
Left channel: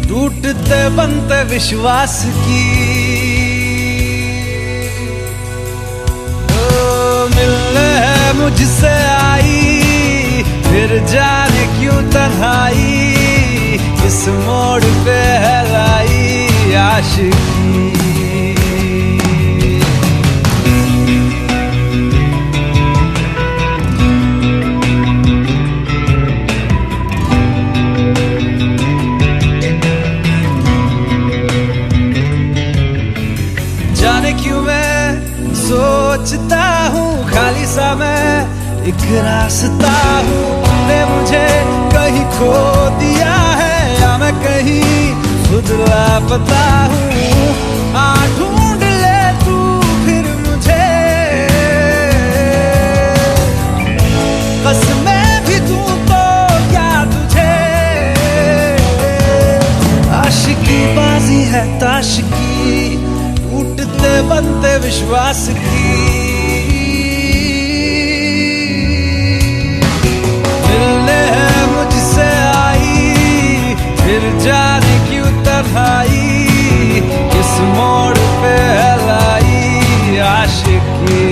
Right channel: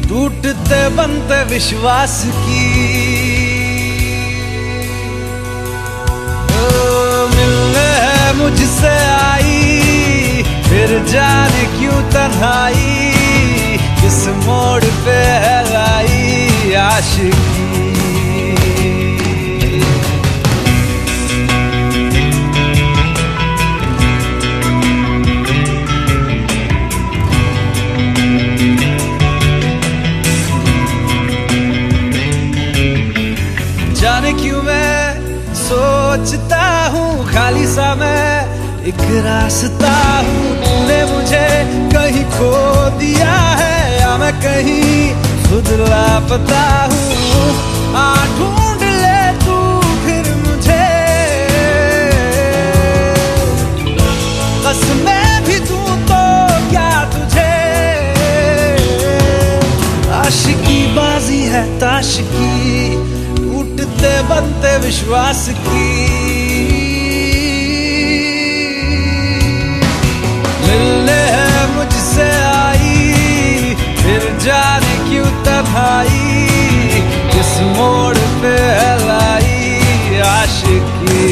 टूटते बनते विश्वास की। ओ मिलने है मुझसे आई, फिर जाने क्यों तन्हाई, किस मोड़ पे है लाई आशिकी। जाने क्यों मैं सोचता हूँ खाली सा मैं एक रास्ता हूँ, तूने मुझे कहीं खो दिया है या मैं कहीं खुद लापता हूँ। आ ढूंढ ले तू फिर मुझे, कसमें भी दूँ तो क्या तुझे। आशिकी बाजी है ताश की, टूटते बनते विश्वास की। मिलने है मुझसे आई, फिर जाने क्यों तन्हाई, किस मोड़ पे है लाई आशिकी।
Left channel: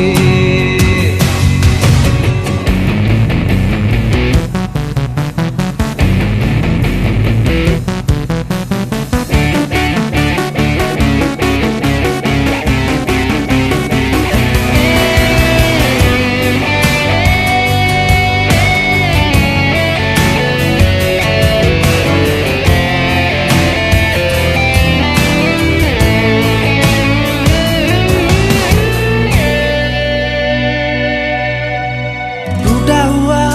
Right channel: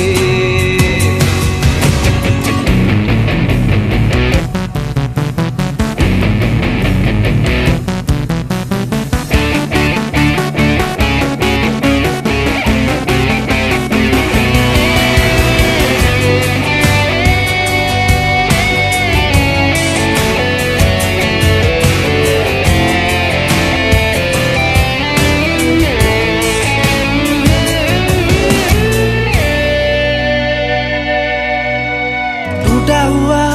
टूटा हुआ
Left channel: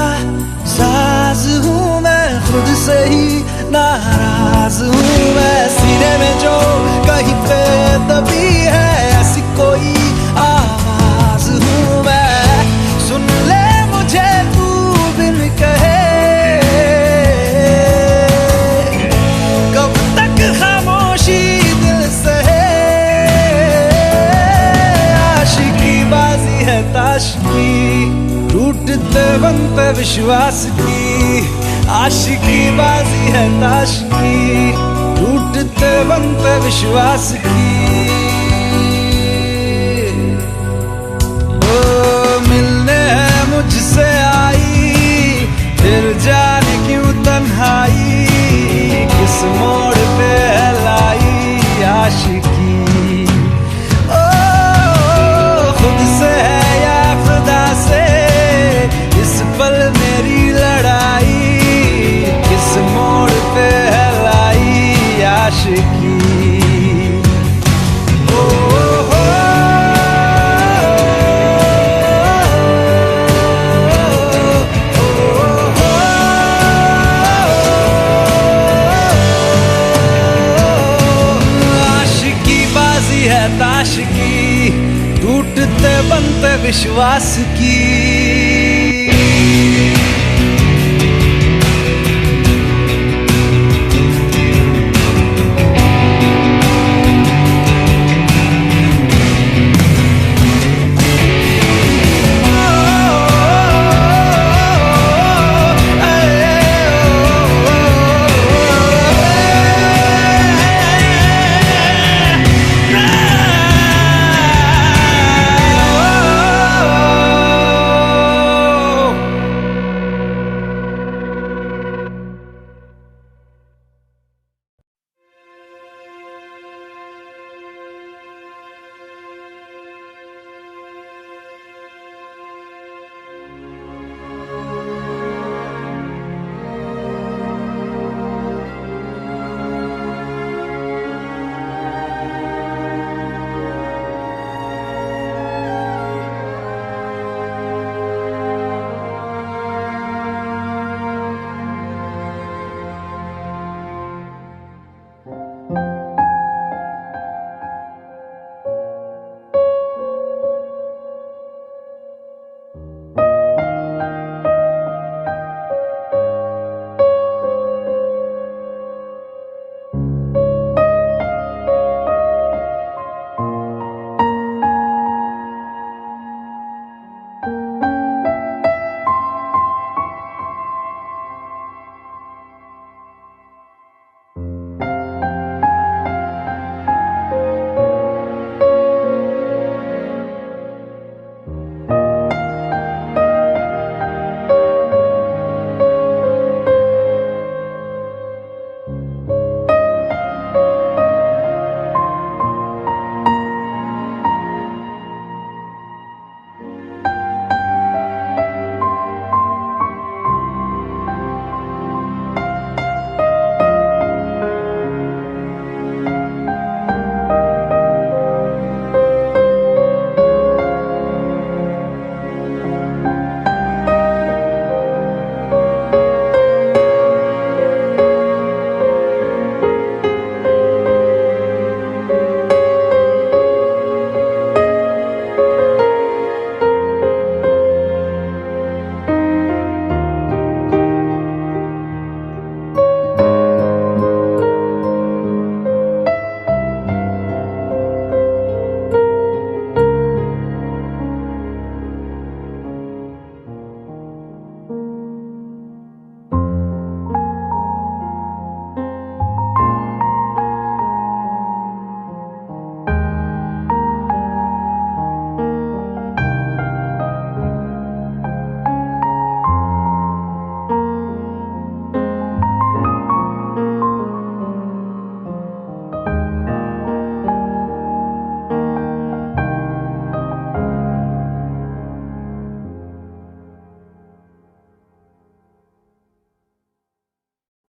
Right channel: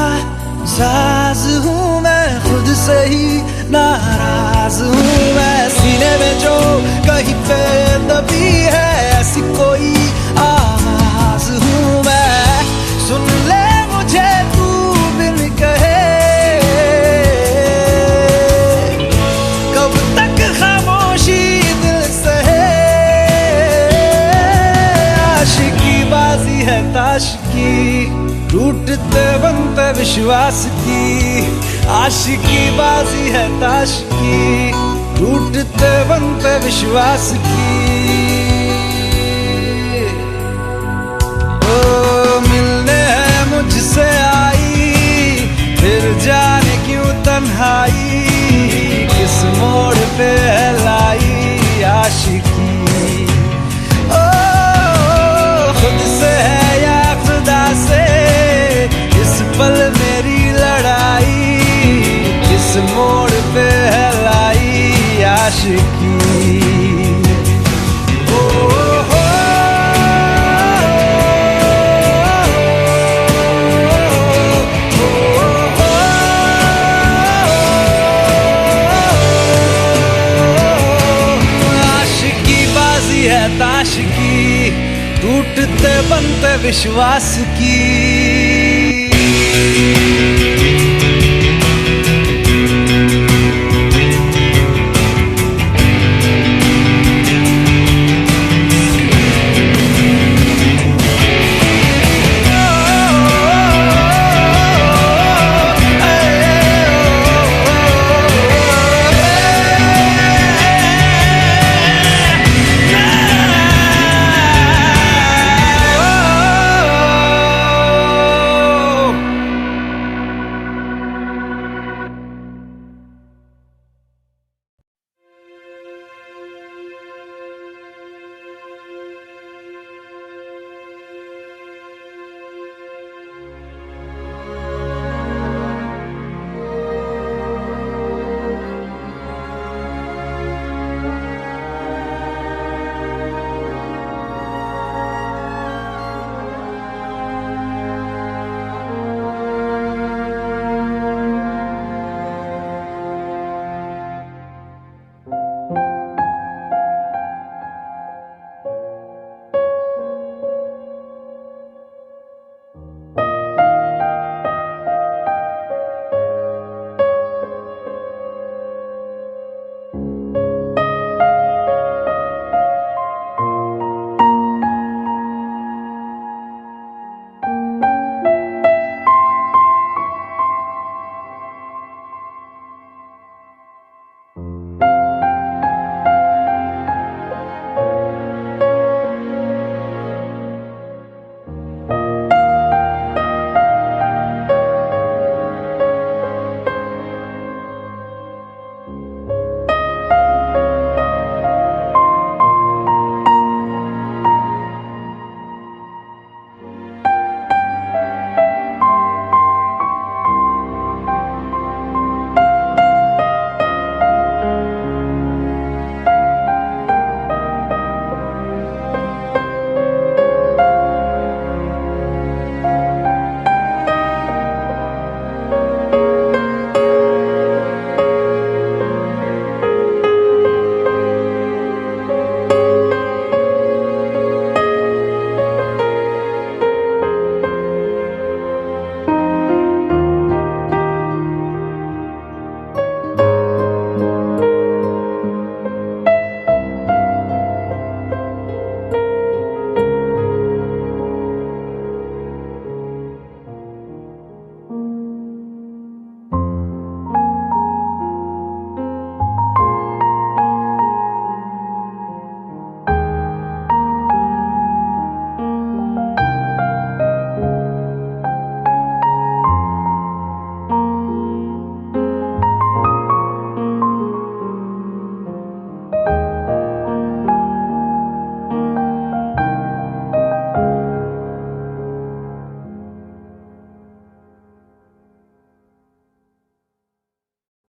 साज हूँ मैं, खुद से ही नाराज हूँ मैं। सीने में जो कहीं पे दबी है ऐसी कोई आवाज हूँ मैं। सुन ले मुझे तू बिन कहे, कब तक खामोशी दिल सहे। आशिकी बाजी है ताश की, टूटते बनते विश्वास की। आशिकी बाजी है ताश की, टूटते बनते विश्वास की। ओ मिलने है मुझसे आई, फिर जाने क्यों तन्हाई, किस मोड़ पे है लाई आशिकी। ओ खुद से है या खुदा से, इस पल मेरी लड़ाई, किस मोड़ पे है लाई आशिकी। ओ हो आशिकी बाजी है ताश की, टूटते बनते विश्वास की।